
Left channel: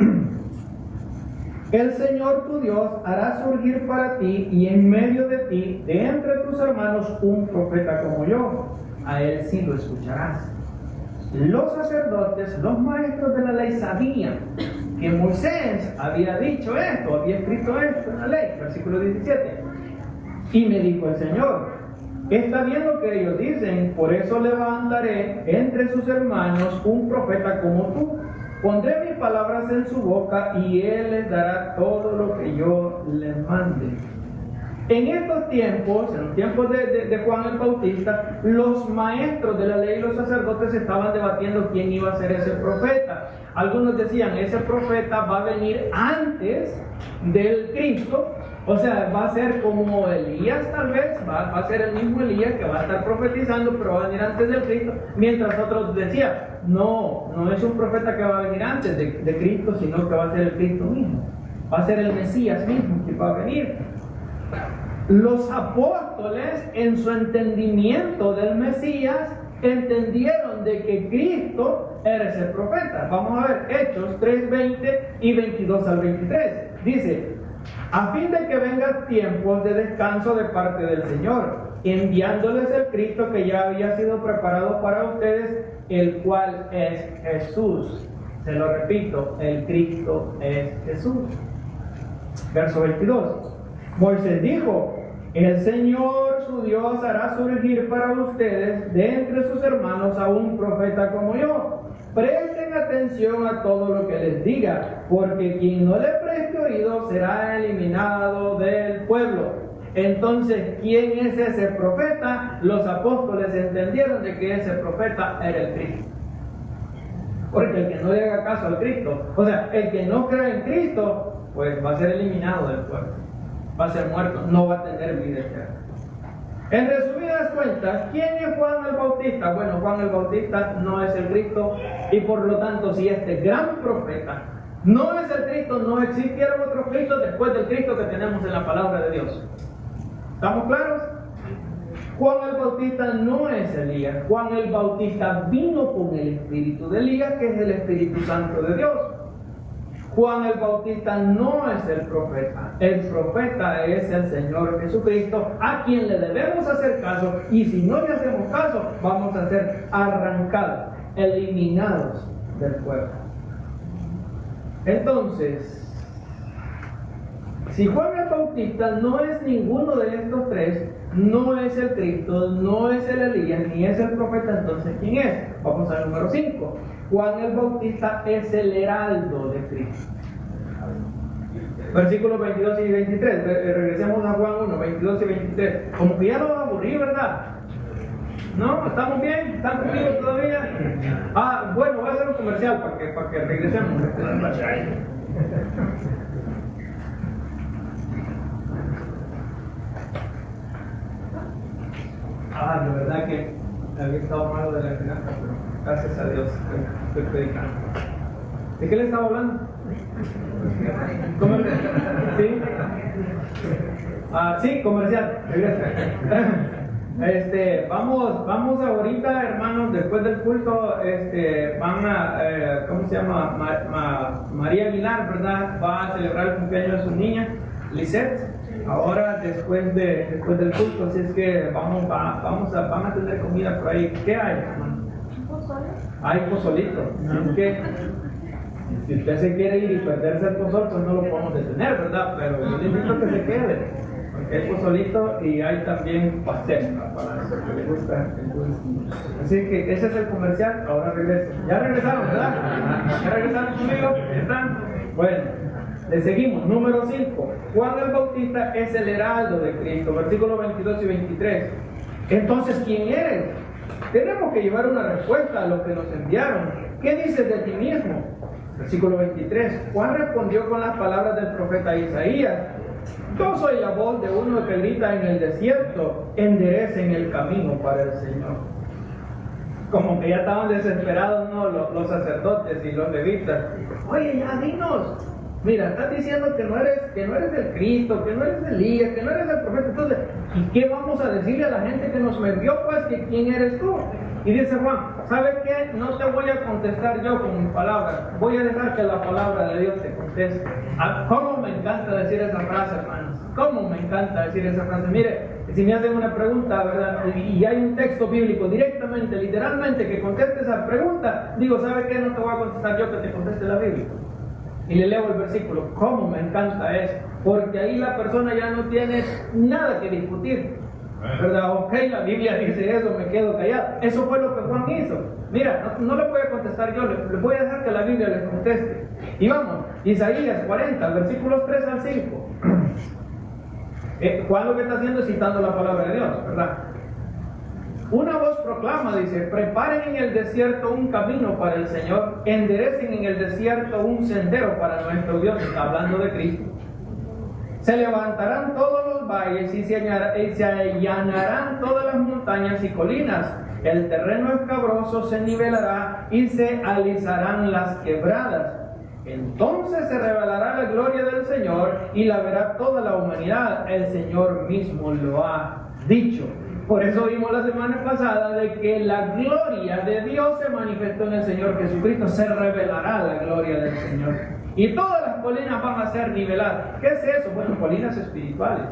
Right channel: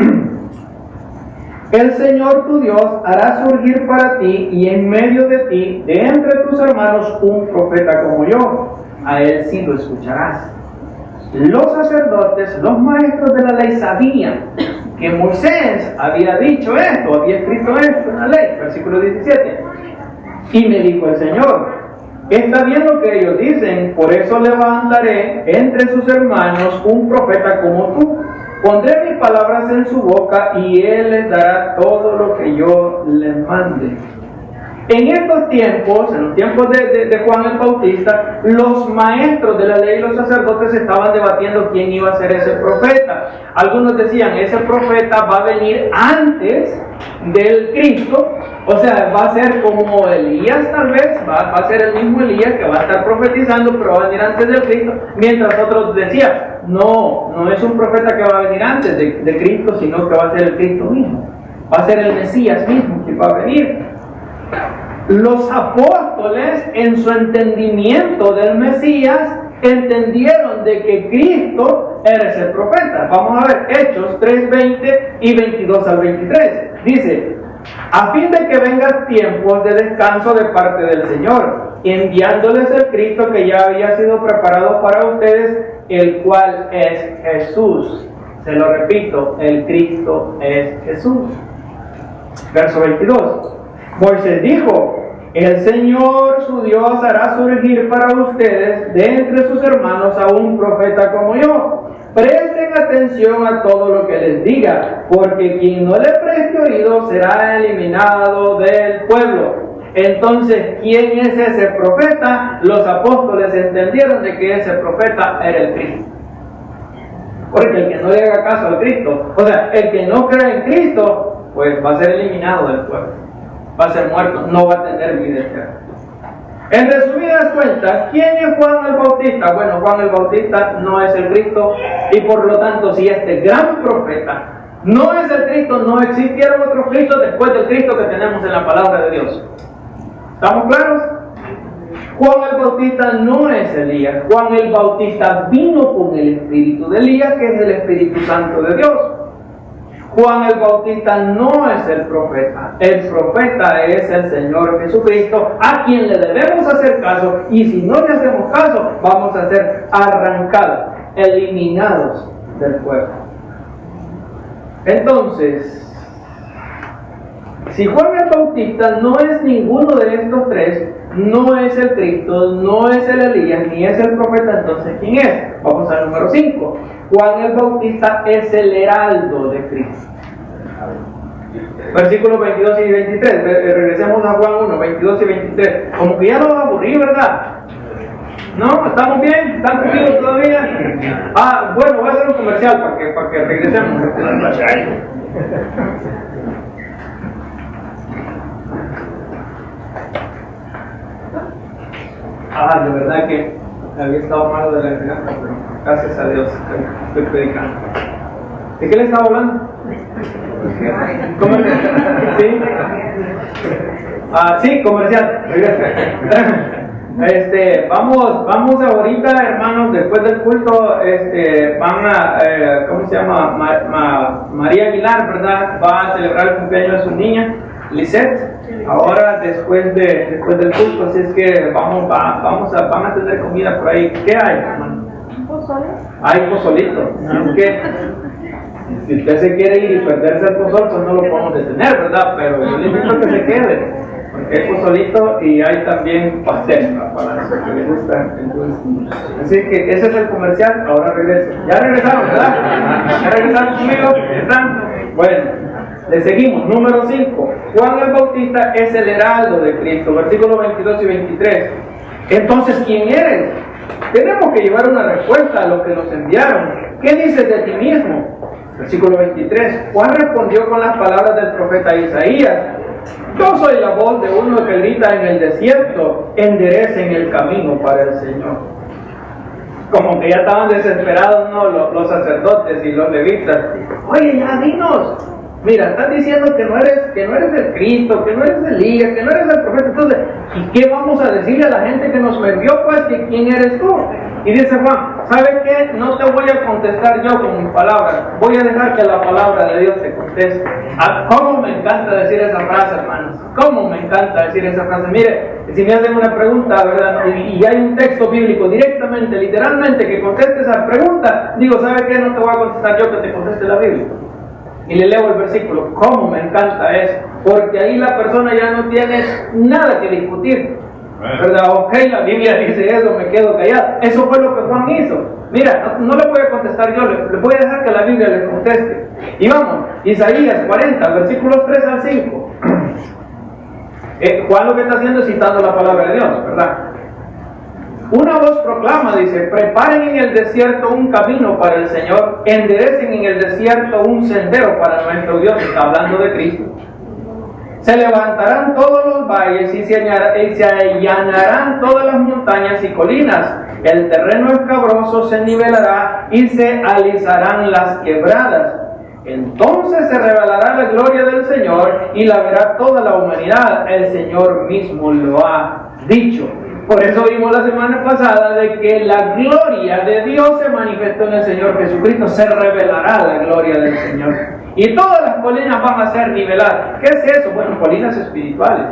el Señor tu Dios hará surgir para ti y en medio de ti, de entre tus hermanos, un profeta como yo. A él sí lo escucharás. Los sacerdotes, los maestros de la ley sabían que Moisés había dicho esto, había escrito esto en la ley, versículo 17. Y me dijo el Señor, está bien lo que ellos dicen, por eso levantaré entre sus hermanos un profeta como tú. Pondré mis palabras en su boca y él les dará todo lo que yo les mande. En estos tiempos, en los tiempos de Juan el Bautista, los maestros de la ley y los sacerdotes estaban debatiendo quién iba a ser ese profeta. Algunos decían, ese profeta va a venir antes del Cristo, o sea, va a ser como Elías tal vez, va a ser el mismo Elías que va a estar profetizando, pero va a venir antes del Cristo, mientras otros decían, no es un profeta que va a venir antes de Cristo, sino que va a ser el Cristo mismo, va a ser el Mesías mismo que va a venir. Los apóstoles, en su entendimiento del Mesías, entendieron de que Cristo era ese profeta. Vamos a ver Hechos 3:20 y 22 al 23. Dice, a fin de que vengan tiempos de descanso de parte del Señor, enviándoles el Cristo que ya había sido preparado para ustedes, el cual es Jesús. Se lo repito, el Cristo es Jesús. Verso 22. Moisés dijo, el Señor su Dios hará surgir para ustedes de entre sus hermanos a un profeta como yo. Presten atención a todo lo que les diga, porque quien no le preste oído será eliminado del pueblo. Entonces, ¿quién es ese profeta? Los apóstoles entendieron de que ese profeta era el Cristo. Porque el que no le haga caso al Cristo, o sea, el que no cree en Cristo, pues va a ser eliminado del pueblo, va a ser muerto, no va a tener vida eterna. En resumidas cuentas, ¿quién es Juan el Bautista? Bueno, Juan el Bautista no es el Cristo, y por lo tanto, si este gran profeta no es el Cristo, no existieron otros Cristos después del Cristo que tenemos en la palabra de Dios. ¿Estamos claros? Juan el Bautista no es Elías. Juan el Bautista vino con el espíritu de Elías, que es el Espíritu Santo de Dios. Juan el Bautista no es el profeta es el Señor Jesucristo, a quien le debemos hacer caso, y si no le hacemos caso, vamos a ser arrancados, eliminados del pueblo. Entonces, si Juan el Bautista no es ninguno de estos tres, no es el Cristo, no es el Elías, ni es el profeta, entonces ¿quién es? Vamos al número 5. Juan el Bautista es el heraldo de Cristo. Versículos 22 y 23. Regresemos a Juan 1, 22 y 23. Como que ya nos aburrí, ¿verdad? ¿No? ¿Estamos bien? ¿Están conmigo todavía? Bueno, voy a hacer un comercial para que regresemos. De verdad que había estado malo de la garganta, pero gracias a Dios estoy predicando. ¿De qué le estaba hablando? ¿Comercial? ¿Sí? Sí, comercial. Vamos ahorita, hermanos, después del culto, van a, ¿cómo se llama? María Aguilar, ¿verdad? Va a celebrar el cumpleaños de su niña, Lisette. Ahora después del culto, así es que van a tener comida por ahí. ¿Qué hay, hermano? ¿Pozole? Hay pozolito. Así que si usted se quiere ir y perderse el pozol, pues no lo podemos detener, ¿verdad? Pero yo le invito a que se quede, porque hay pozolito y hay también pastel, ¿no? Para los que les gusta el dulce. Así que ese es el comercial. Ahora regreso. Ya regresaron, ¿verdad? ¿Ya regresaron conmigo? ¿Están? Bueno. Le seguimos, número 5. Juan el Bautista es el heraldo de Cristo, versículos 22 y 23. Entonces, ¿quién eres? Tenemos que llevar una respuesta a los que nos enviaron. ¿Qué dices de ti mismo? Versículo 23. Juan respondió con las palabras del profeta Isaías. Yo soy la voz de uno que grita en el desierto, enderecen el camino para el Señor. Como que ya estaban desesperados, ¿no? Los sacerdotes y los levitas. Oye, ya dinos. Mira, estás diciendo que no eres el Cristo, que no eres Elías, que no eres el profeta. Entonces, ¿y qué vamos a decirle a la gente que nos envió? Pues, que quién eres tú. Y dice Juan, ¿sabes qué? No te voy a contestar yo con mis palabras. Voy a dejar que la palabra de Dios te conteste. ¿Cómo me encanta decir esa frase, hermanos? ¿Cómo me encanta decir esa frase? Mire, si me hacen una pregunta, ¿verdad? Y hay un texto bíblico directamente, literalmente, que conteste esa pregunta, digo, ¿sabes qué? No te voy a contestar yo, que te conteste la Biblia. Y le leo el versículo. ¿Cómo me encanta eso? Porque ahí la persona ya no tiene nada que discutir, ¿verdad? Ok, la Biblia dice eso, me quedo callado. Eso fue lo que Juan hizo. Mira, no le voy a contestar yo, le voy a dejar que la Biblia le conteste. Y vamos, Isaías 40, versículos 3 al 5. Juan lo que está haciendo es citando la palabra de Dios, ¿verdad? Una voz proclama, dice, preparen en el desierto un camino para el Señor, enderecen en el desierto un sendero para nuestro Dios. Está hablando de Cristo. Se levantarán todos los valles y se allanarán todas las montañas y colinas. El terreno escabroso se nivelará y se alisarán las quebradas. Entonces se revelará la gloria del Señor y la verá toda la humanidad. El Señor mismo lo ha dicho. Por eso vimos la semana pasada de que la gloria de Dios se manifestó en el Señor Jesucristo. Se revelará la gloria del Señor. Y todas las colinas van a ser niveladas. ¿Qué es eso? Bueno, colinas espirituales.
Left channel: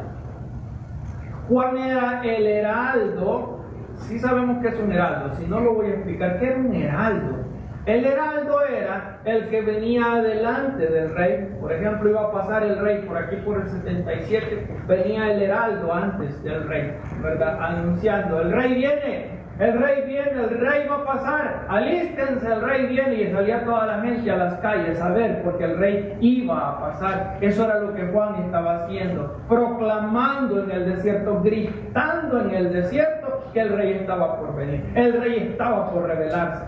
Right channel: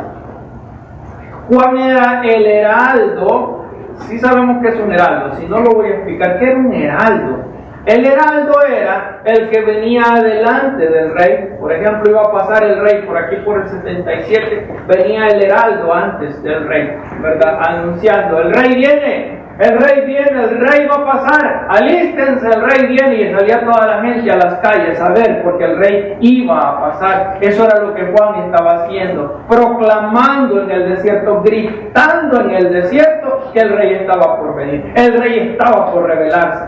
Juan era el heraldo. Sí sabemos que es un heraldo. Si no lo voy a explicar. ¿Qué era un heraldo? El heraldo era el que venía adelante del rey. Por ejemplo, iba a pasar el rey por aquí por el 77. Venía el heraldo antes del rey, ¿verdad? Anunciando, el rey viene. El rey viene, el rey va a pasar, alístense, el rey viene. Y salía toda la gente a las calles a ver, porque el rey iba a pasar. Eso era lo que Juan estaba haciendo, proclamando en el desierto, gritando en el desierto que el rey estaba por venir, el rey estaba por revelarse.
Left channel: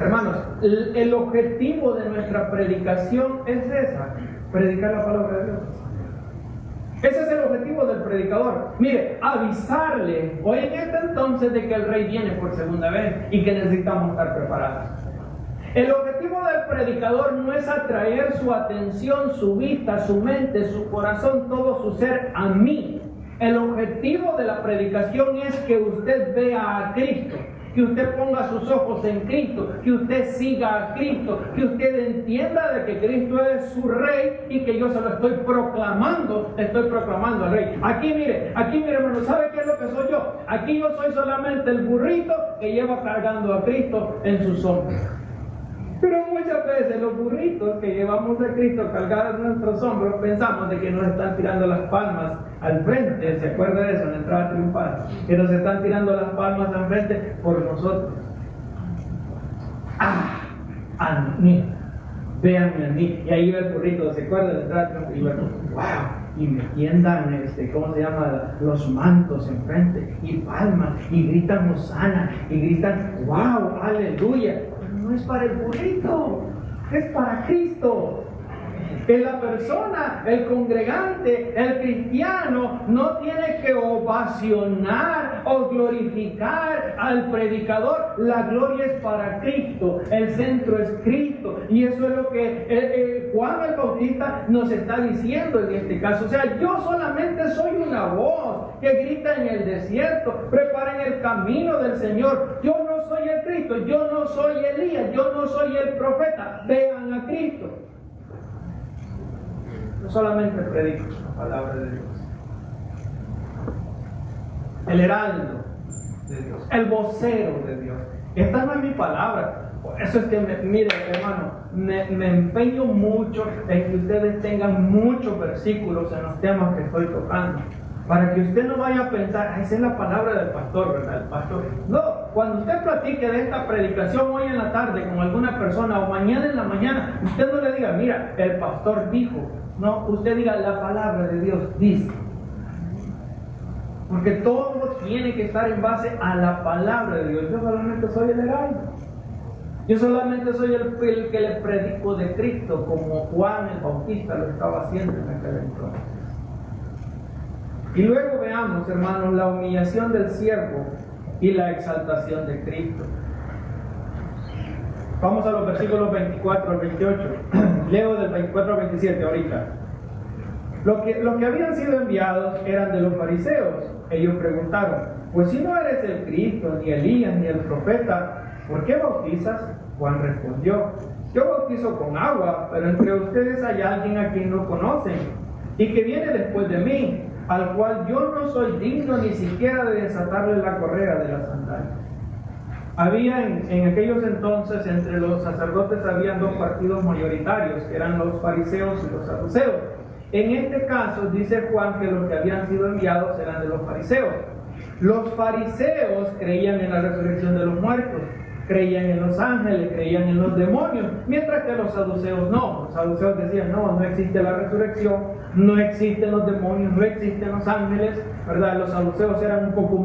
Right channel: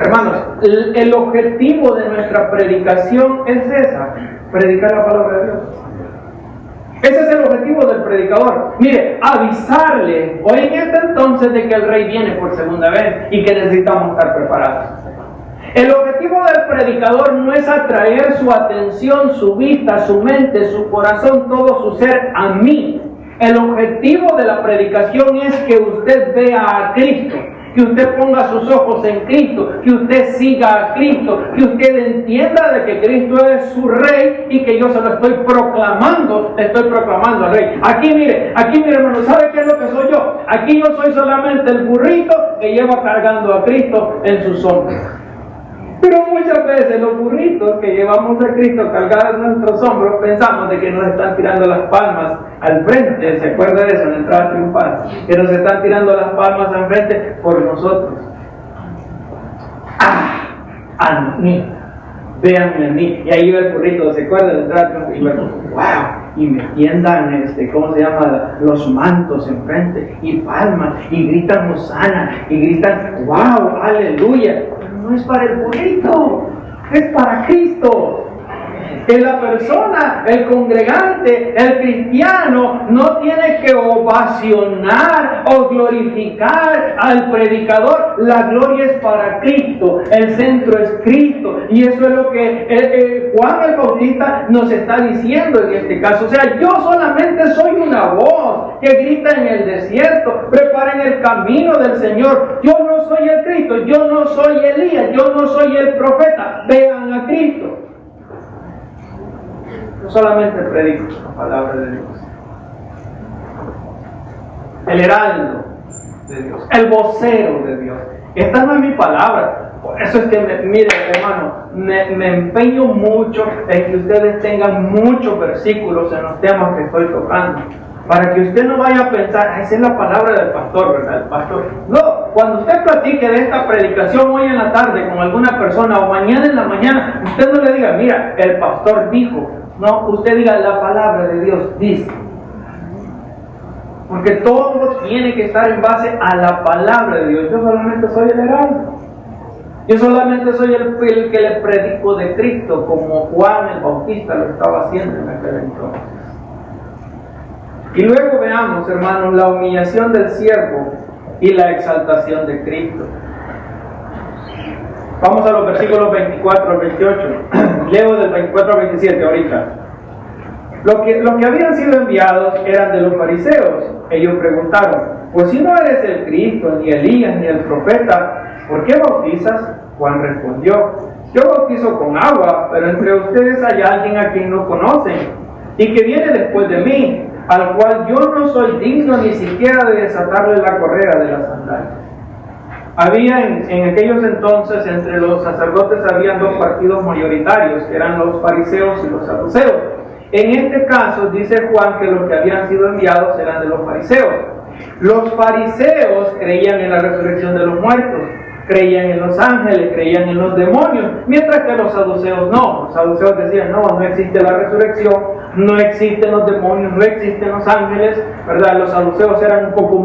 Hermanos, el objetivo de nuestra predicación es esa, predicar la palabra de Dios. Ese es el objetivo del predicador. Mire, avisarle hoy en este entonces de que el rey viene por segunda vez y que necesitamos estar preparados. El objetivo del predicador no es atraer su atención, su vista, su mente, su corazón, todo su ser a mí. El objetivo de la predicación es que usted vea a Cristo, que usted ponga sus ojos en Cristo, que usted siga a Cristo, que usted entienda de que Cristo es su Rey y que yo se lo estoy proclamando al Rey. Aquí mire hermano, ¿sabe qué es lo que soy yo? Aquí yo soy solamente el burrito que lleva cargando a Cristo en sus hombros. Pero muchas veces los burritos que llevamos a Cristo cargados en nuestros hombros pensamos de que nos están tirando las palmas al frente. ¿Se acuerda de eso en la entrada triunfal? Que nos están tirando las palmas al frente por nosotros. A mí, véanme a mí. Y ahí va el burrito, ¿se acuerda de la entrada triunfal? Y luego, wow. Y me tiendan, ¿cómo se llama? Los mantos enfrente y palmas y gritan hosana y gritan, wow, aleluya. No es para el burrito, es para Cristo. Que la persona, el congregante, el cristiano no tiene que ovacionar o glorificar al predicador. La gloria es para Cristo, el centro es Cristo, y eso es lo que Juan el Bautista nos está diciendo en este caso. O sea, yo solamente soy una voz que grita en el desierto, preparen el camino del Señor. Yo no soy el Cristo, yo no soy Elías, yo no soy el profeta. Vean a Cristo. No solamente predico la palabra de Dios, el heraldo de Dios, el vocero de Dios. Esta no es mi palabra. Por eso es que, mire hermano, me empeño mucho en que ustedes tengan muchos versículos en los temas que estoy tocando, para que usted no vaya a pensar, esa es la palabra del pastor, ¿verdad? El pastor. No, cuando usted platique de esta predicación hoy en la tarde con alguna persona o mañana en la mañana, usted no le diga, mira, el pastor dijo. No, usted diga, la palabra de Dios dice. Porque todo tiene que estar en base a la palabra de Dios. Yo solamente soy el heraldo. Yo solamente soy el que le predico de Cristo, como Juan el Bautista lo estaba haciendo en aquel entonces. Y luego veamos, hermanos, la humillación del siervo y la exaltación de Cristo. Vamos a los versículos 24 al 28. Leo del 24 al 27 ahorita. Los que habían sido enviados eran de los fariseos. Ellos preguntaron, pues si no eres el Cristo, ni Elías, ni el profeta, ¿por qué bautizas? Juan respondió, yo bautizo con agua, pero entre ustedes hay alguien a quien no conocen, y que viene después de mí, al cual yo no soy digno ni siquiera de desatarle la correa de las sandalias. Había en aquellos entonces entre los sacerdotes habían dos partidos mayoritarios, que eran los fariseos y los saduceos. En este caso dice Juan que los que habían sido enviados eran de los fariseos. Los fariseos creían en la resurrección de los muertos. creían en los ángeles, creían en los demonios, mientras que los saduceos no. Los saduceos decían, no existe la resurrección, no existen los demonios, no existen los ángeles, ¿verdad? Los saduceos eran un poco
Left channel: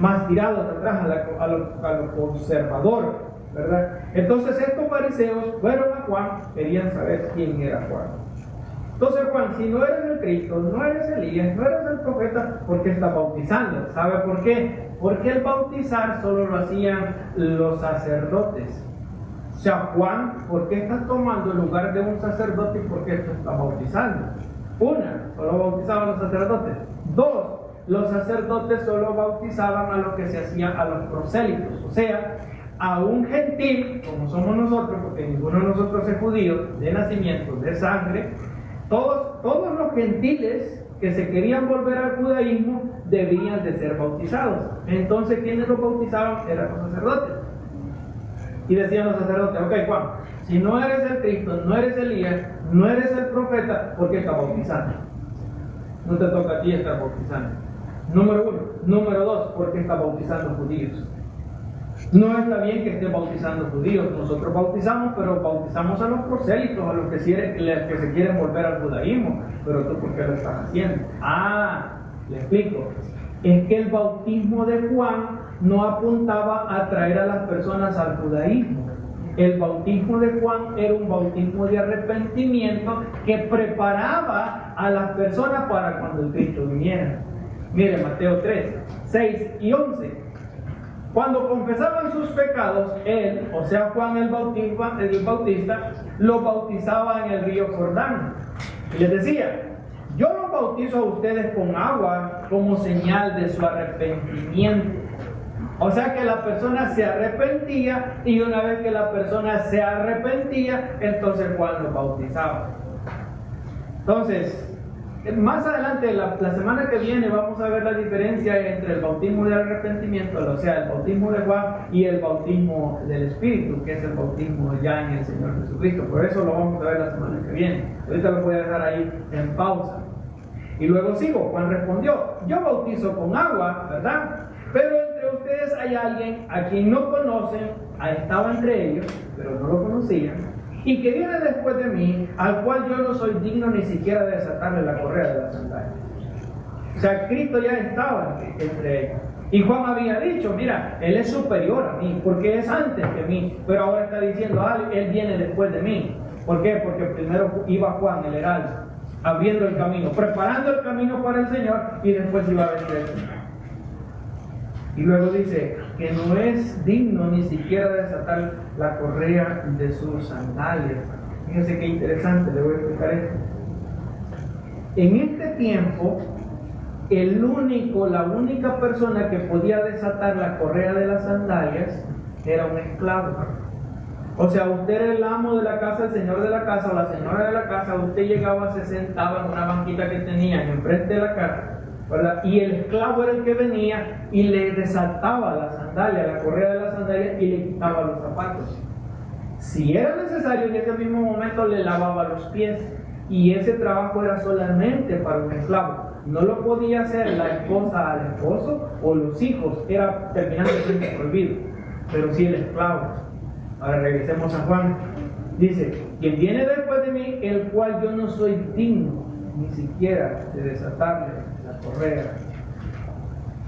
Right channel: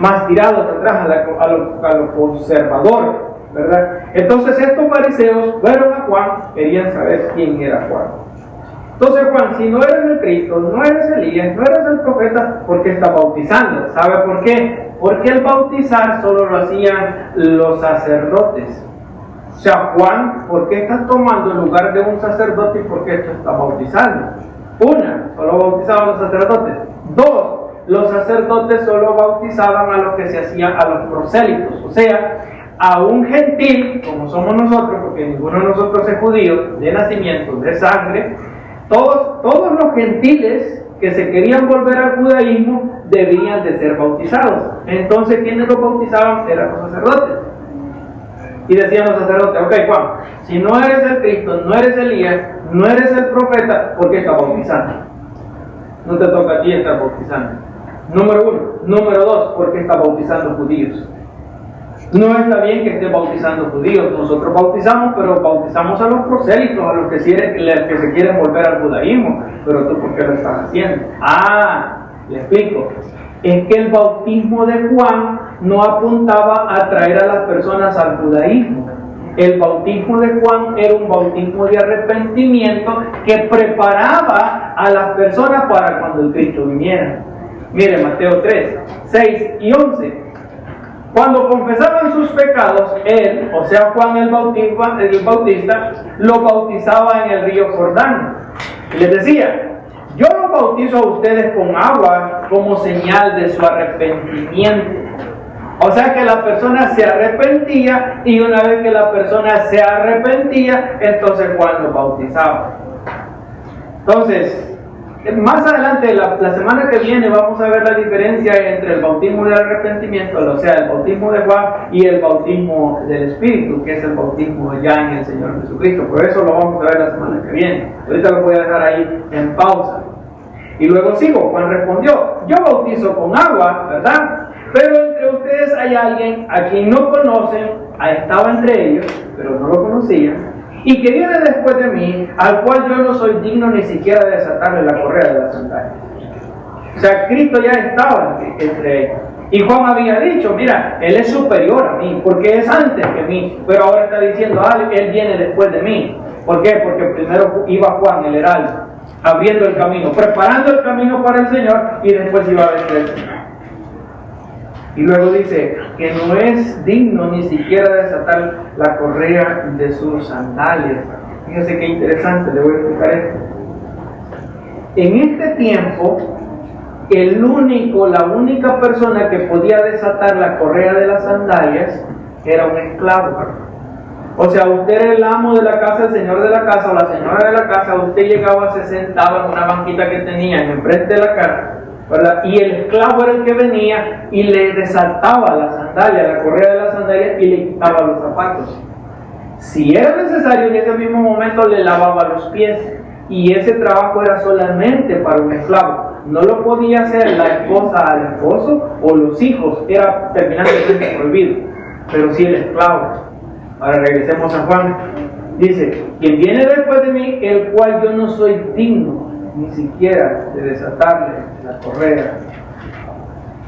más tirados atrás a lo conservador, ¿verdad? Entonces estos fariseos fueron a Juan, querían saber quién era Juan. Entonces Juan, si no eres el Cristo, no eres Elías, no eres el profeta, ¿por qué estás bautizando? ¿Sabe por qué? Porque el bautizar solo lo hacían los sacerdotes. O sea, Juan, ¿por qué estás tomando el lugar de un sacerdote y por qué tú estás bautizando? Una, solo bautizaban los sacerdotes. Dos, los sacerdotes solo bautizaban a los que se hacían a los prosélitos, o sea, a un gentil, como somos nosotros, porque ninguno de nosotros es judío, de nacimiento, de sangre. Todos los gentiles que se querían volver al judaísmo debían de ser bautizados. Entonces, ¿quiénes los bautizaban? Eran los sacerdotes. Y decían los sacerdotes, ok Juan, si no eres el Cristo, no eres Elías, no eres el profeta, ¿por qué estás bautizando? No te toca a ti estar bautizando. Número uno. Número dos, ¿por qué estás bautizando judíos? No está bien que esté bautizando judíos. Nosotros bautizamos, pero bautizamos a los prosélitos, a los que se quieren volver al judaísmo. Pero tú, ¿por qué lo estás haciendo? Le explico. Es que el bautismo de Juan no apuntaba a traer a las personas al judaísmo. El bautismo de Juan era un bautismo de arrepentimiento que preparaba a las personas para cuando el Cristo viniera. Mire, Mateo 3, 6 y 11. Cuando confesaban sus pecados, él, o sea Juan el Bautista, lo bautizaba en el río Jordán. Y les decía, yo los bautizo a ustedes con agua como señal de su arrepentimiento. O sea que la persona se arrepentía, y una vez que la persona se arrepentía, entonces Juan los bautizaba. Entonces, más adelante, la semana que viene, vamos a ver la diferencia entre el bautismo del arrepentimiento, o sea, el bautismo de Juan, y el bautismo del Espíritu, que es el bautismo ya en el Señor Jesucristo. Por eso lo vamos a ver la semana que viene. Ahorita lo voy a dejar ahí en pausa. Y luego sigo. Juan respondió, yo bautizo con agua, ¿verdad? Pero entre ustedes hay alguien a quien no conocen, estaba entre ellos, pero no lo conocían, y que viene después de mí, al cual yo no soy digno ni siquiera de desatarle la correa de la sandalia. O sea, Cristo ya estaba entre ellos. Y Juan había dicho, mira, Él es superior a mí, porque es antes que mí. Pero ahora está diciendo, Él viene después de mí. ¿Por qué? Porque primero iba Juan, el heraldo, abriendo el camino, preparando el camino para el Señor, y después iba a venir el Señor. Y luego dice que no es digno ni siquiera desatar la correa de sus sandalias. Fíjense qué interesante, le voy a explicar esto. En este tiempo, la única persona que podía desatar la correa de las sandalias era un esclavo. O sea, usted era el amo de la casa, el señor de la casa o la señora de la casa, usted llegaba, se sentaba en una banquita que tenían enfrente de la casa, ¿verdad? Y el esclavo era el que venía y le desataba la sandalia, la correa de la sandalia, y le quitaba los zapatos. Si era necesario, en ese mismo momento le lavaba los pies. Y ese trabajo era solamente para un esclavo. No lo podía hacer la esposa al esposo o los hijos, era terminantemente prohibido. Pero sí el esclavo. Ahora regresemos a Juan. Dice, quien viene después de mí, el cual yo no soy digno ni siquiera de desatarle la correa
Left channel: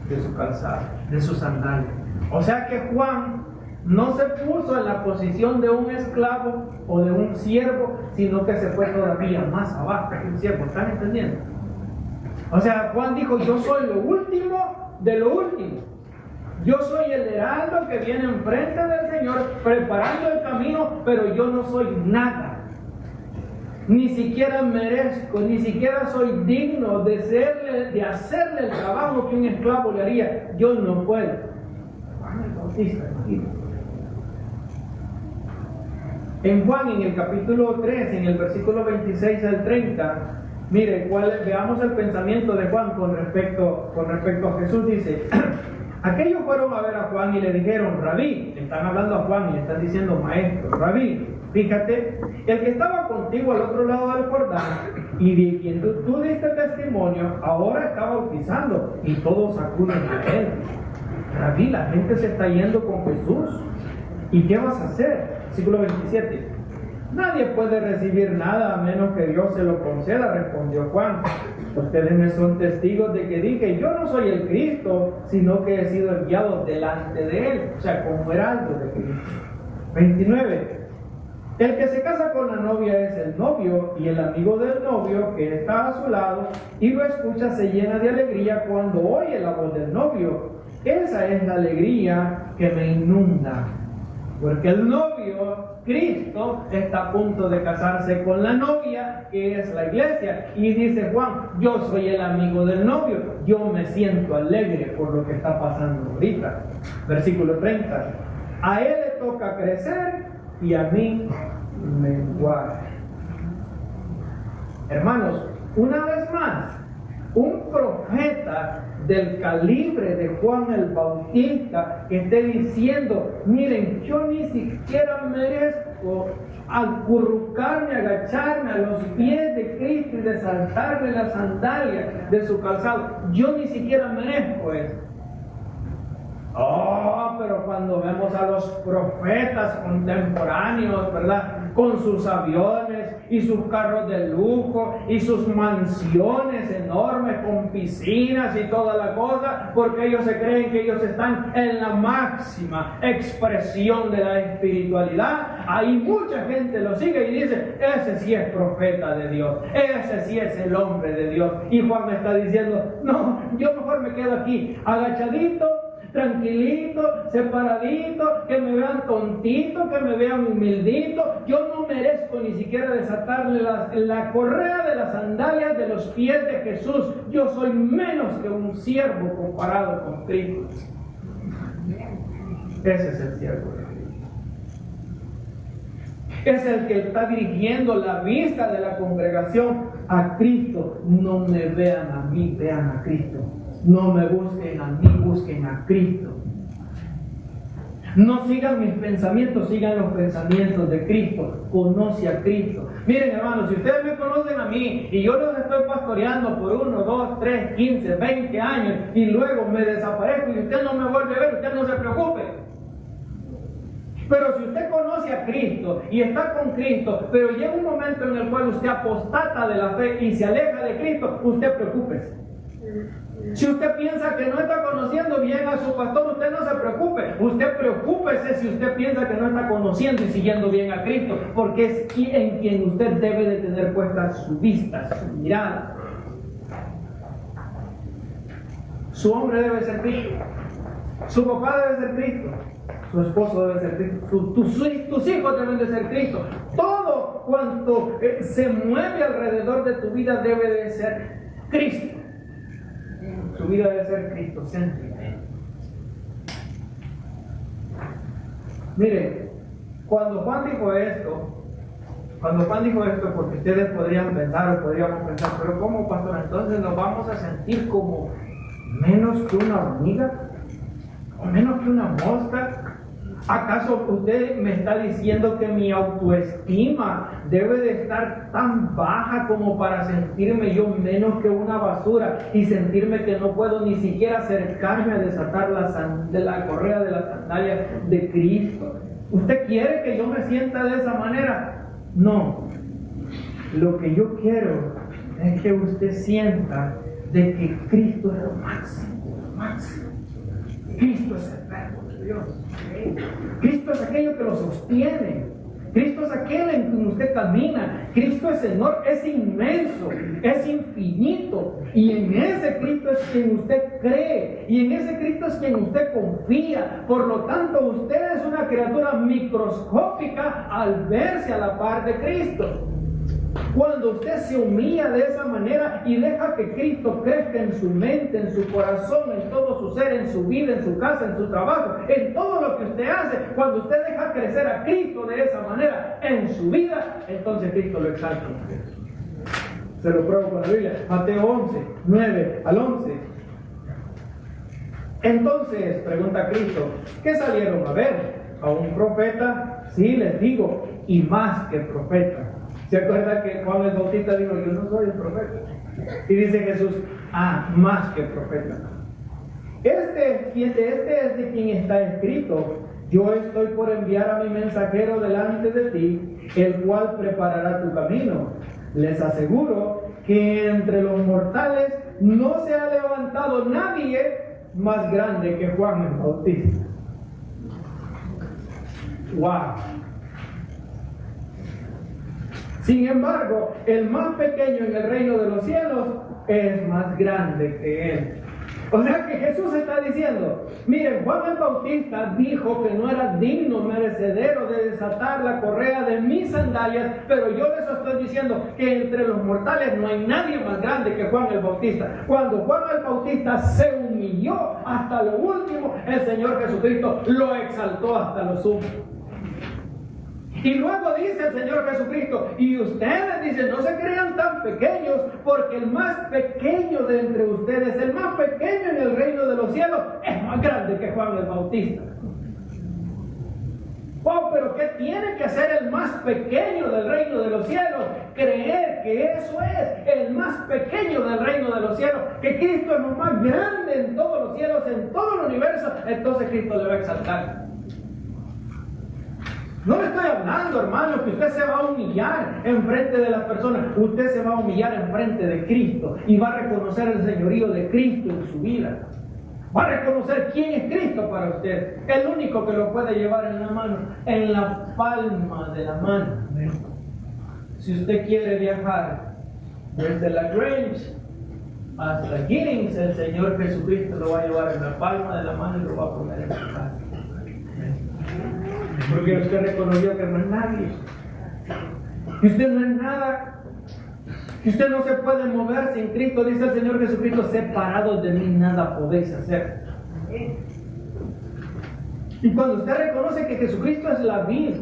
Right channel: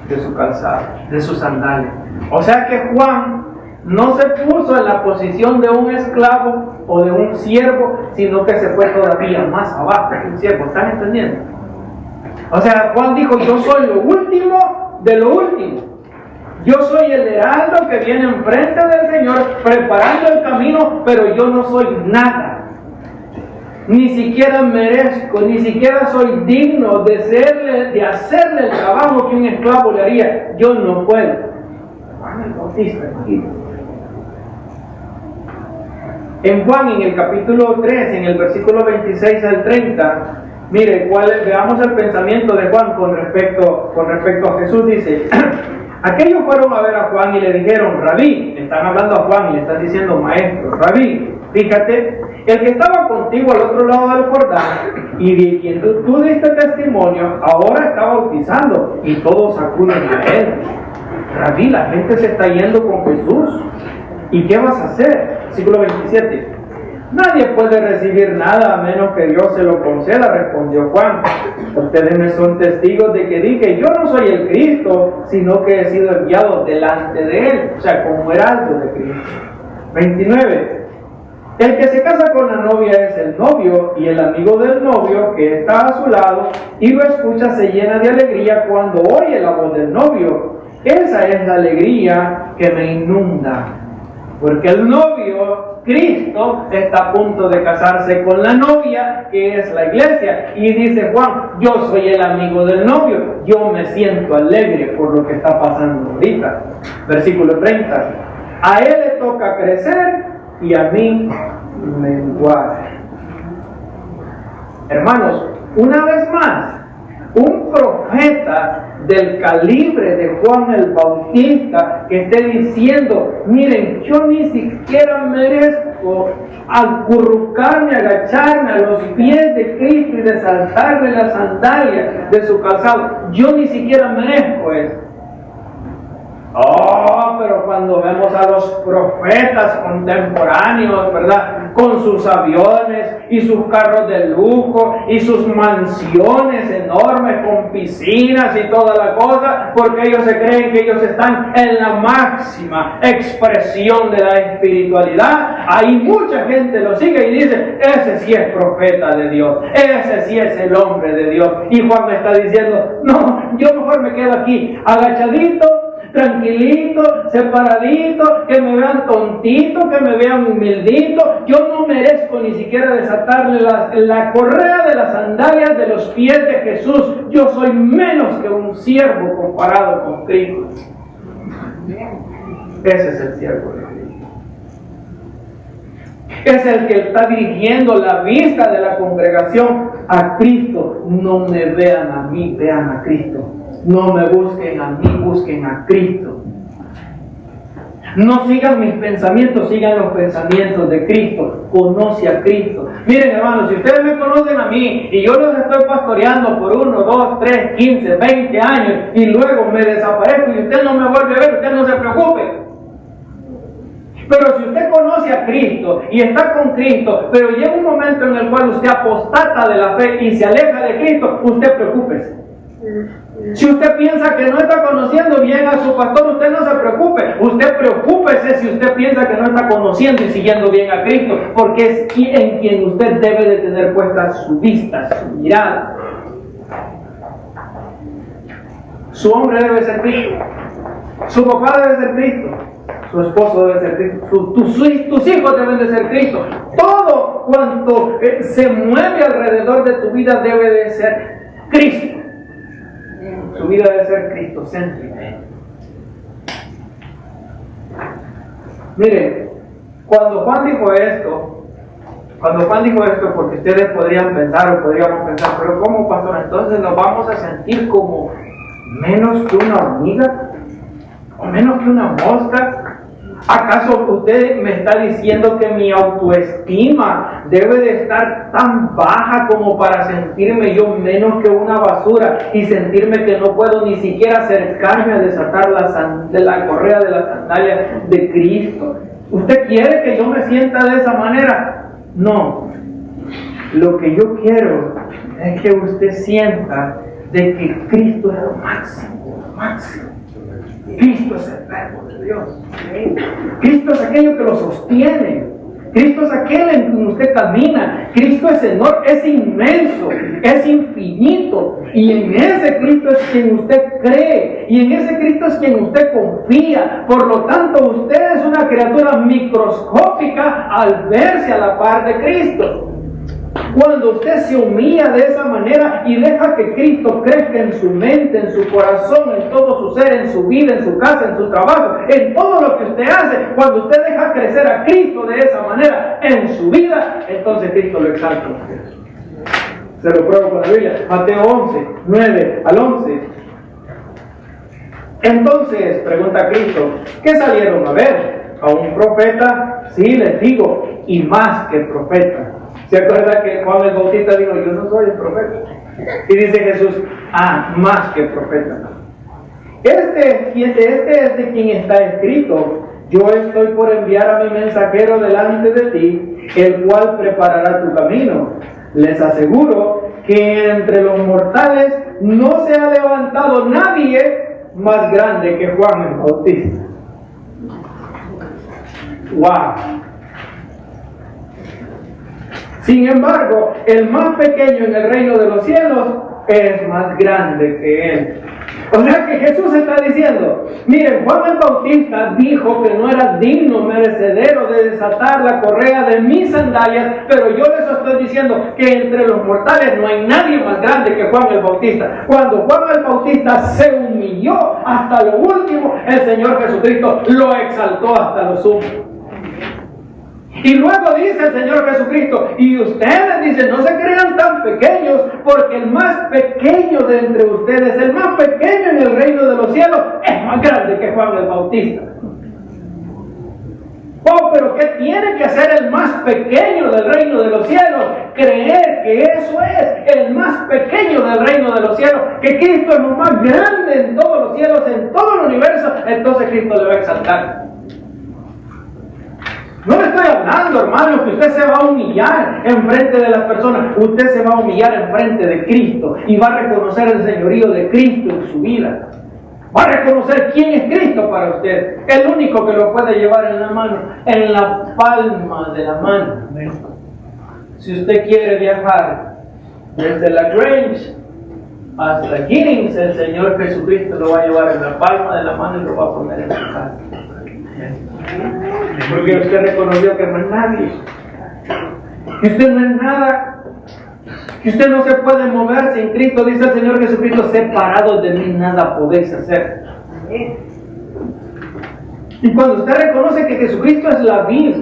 de su calzado, de su sandalia. O sea que Juan no se puso en la posición de un esclavo o de un siervo, sino que se fue todavía más abajo que un siervo. ¿Están entendiendo? O sea, Juan dijo, yo soy lo último de lo último. Yo soy el heraldo que viene enfrente del Señor preparando el camino, pero yo no soy nada. Ni siquiera merezco, ni siquiera soy digno de hacerle el trabajo que un esclavo le haría. Yo no puedo. Juan el Bautista, en Juan, en el capítulo 3, en el versículo 26 al 30, mire, veamos el pensamiento de Juan con respecto a Jesús. Dice, aquellos fueron a ver a Juan y le dijeron, Rabí, están hablando a Juan y le están diciendo, maestro, Rabí, fíjate, el que estaba contigo al otro lado del Jordán y de quien tú diste testimonio, ahora está bautizando y todos acuden a él. Rabí, la gente se está yendo con Jesús. ¿Y qué vas a hacer? Versículo 27. Nadie puede recibir nada a menos que Dios se lo conceda, respondió Juan. Ustedes me son testigos de que dije, yo no soy el Cristo, sino que he sido enviado delante de Él, o sea, como heraldo de Cristo. 29. El que se casa con la novia es el novio, y el amigo del novio que está a su lado y lo escucha se llena de alegría cuando oye la voz del novio. Esa es la alegría que me inunda, porque el novio, Cristo, está a punto de casarse con la novia, que es la iglesia. Y dice Juan, yo soy el amigo del novio, yo me siento alegre por lo que está pasando ahorita. Versículo 30. A él le toca crecer y a mí menguar. Hermanos, una vez más, un profeta del calibre de Juan el Bautista que esté diciendo, miren, yo ni siquiera merezco acurrucarme, agacharme a los pies de Cristo y desatarle las sandalias de su calzado. Yo ni siquiera merezco eso. Oh, pero cuando vemos a los profetas contemporáneos, ¿verdad? Con sus aviones y sus carros de lujo y sus mansiones enormes con piscinas y toda la cosa, porque ellos se creen que ellos están en la máxima expresión de la espiritualidad. Ahí mucha gente lo sigue y dice, ese sí es profeta de Dios, ese sí es el hombre de Dios. Y Juan me está diciendo, no, yo mejor me quedo aquí agachadito, tranquilito, separadito, que me vean tontito, que me vean humildito. Yo no merezco ni siquiera desatarle la correa de las sandalias de los pies de Jesús. Yo soy menos que un siervo comparado con Cristo. Ese es el siervo de Cristo. Es el que está dirigiendo la vista de la congregación a Cristo. No me vean a mí, vean a Cristo. No me busquen a mí, busquen a Cristo. No sigan mis pensamientos, sigan los pensamientos de Cristo. Conoce a Cristo. Miren, hermanos, si ustedes me conocen a mí y yo los estoy pastoreando por 1, 2, 3, 15, 20 años y luego me desaparezco y usted no me vuelve a ver, usted no se preocupe. Pero si usted conoce a Cristo y está con Cristo, pero llega un momento en el cual usted apostata de la fe y se aleja de Cristo, usted preocúpese. Si usted piensa que no está conociendo bien a su pastor, usted no se preocupe. Usted preocúpese si usted piensa que no está conociendo y siguiendo bien a Cristo, porque es en quien usted debe de tener puesta su vista, su mirada. Su hombre debe ser Cristo, su papá debe ser Cristo, su esposo debe ser Cristo, tus hijos deben de ser Cristo. Todo cuanto se mueve alrededor de tu vida debe de ser Cristo. Su vida debe ser cristocéntrica. Mire, cuando Juan dijo esto, porque ustedes podrían pensar o podríamos pensar, pero ¿cómo, pastor? Entonces nos vamos a sentir como menos que una hormiga o menos que una mosca. ¿Acaso usted me está diciendo que mi autoestima debe de estar tan baja como para sentirme yo menos que una basura y sentirme que no puedo ni siquiera acercarme a desatar la correa de las sandalias de Cristo? ¿Usted quiere que yo me sienta de esa manera? No. Lo que yo quiero es que usted sienta de que Cristo es lo máximo, lo máximo. Cristo es el verbo de Dios. Cristo es aquello que lo sostiene. Cristo es aquel en quien usted camina. Cristo es enorme, es inmenso, es infinito. Y en ese Cristo es quien usted cree. Y en ese Cristo es quien usted confía. Por lo tanto, usted es una criatura microscópica al verse a la par de Cristo. Cuando usted se humilla de esa manera y deja que Cristo crezca en su mente, en su corazón, en todo su ser, en su vida, en su casa, en su trabajo, en todo lo que usted hace, cuando usted deja crecer a Cristo de esa manera en su vida, entonces Cristo lo exalta. Se lo pruebo con la Biblia. Mateo 11, 9 al 11. Entonces, pregunta Cristo, ¿qué salieron a ver? ¿A un profeta? Sí, les digo, y más que profeta. ¿Se acuerda que Juan el Bautista dijo, yo no soy el profeta? Y dice Jesús, más que profeta. Este es de quien está escrito, Yo estoy por enviar a mi mensajero delante de ti, el cual preparará tu camino. Les aseguro que entre los mortales no se ha levantado nadie más grande que Juan el Bautista. ¡Wow! Sin embargo, el más pequeño en el reino de los cielos es más grande que él. O sea que Jesús está diciendo, miren, Juan el Bautista dijo que no era digno, merecedero de desatar la correa de mis sandalias, pero yo les estoy diciendo que entre los mortales no hay nadie más grande que Juan el Bautista. Cuando Juan el Bautista se humilló hasta lo último, el Señor Jesucristo lo exaltó hasta lo sumo. Y luego dice el Señor Jesucristo, y ustedes dicen, no se crean tan pequeños, porque el más pequeño de entre ustedes, el más pequeño en el reino de los cielos, es más grande que Juan el Bautista. Oh, pero ¿qué tiene que hacer el más pequeño del reino de los cielos? Creer que eso es el más pequeño del reino de los cielos, que Cristo es lo más grande en todos los cielos, en todo el universo, entonces Cristo le va a exaltar. No le estoy hablando, hermano, que usted se va a humillar en frente de las personas. Usted se va a humillar en frente de Cristo y va a reconocer el señorío de Cristo en su vida. Va a reconocer quién es Cristo para usted. El único que lo puede llevar en la mano, en la palma de la mano. Si usted quiere viajar desde la Grange hasta Giddings, el Señor Jesucristo lo va a llevar en la palma de la mano y lo va a poner en su casa. Porque usted reconoció que no es nadie, que usted no es nada, que usted no se puede mover sin Cristo. Dice el Señor Jesucristo, separados de mí nada podéis hacer. Y cuando usted reconoce que Jesucristo es la vida,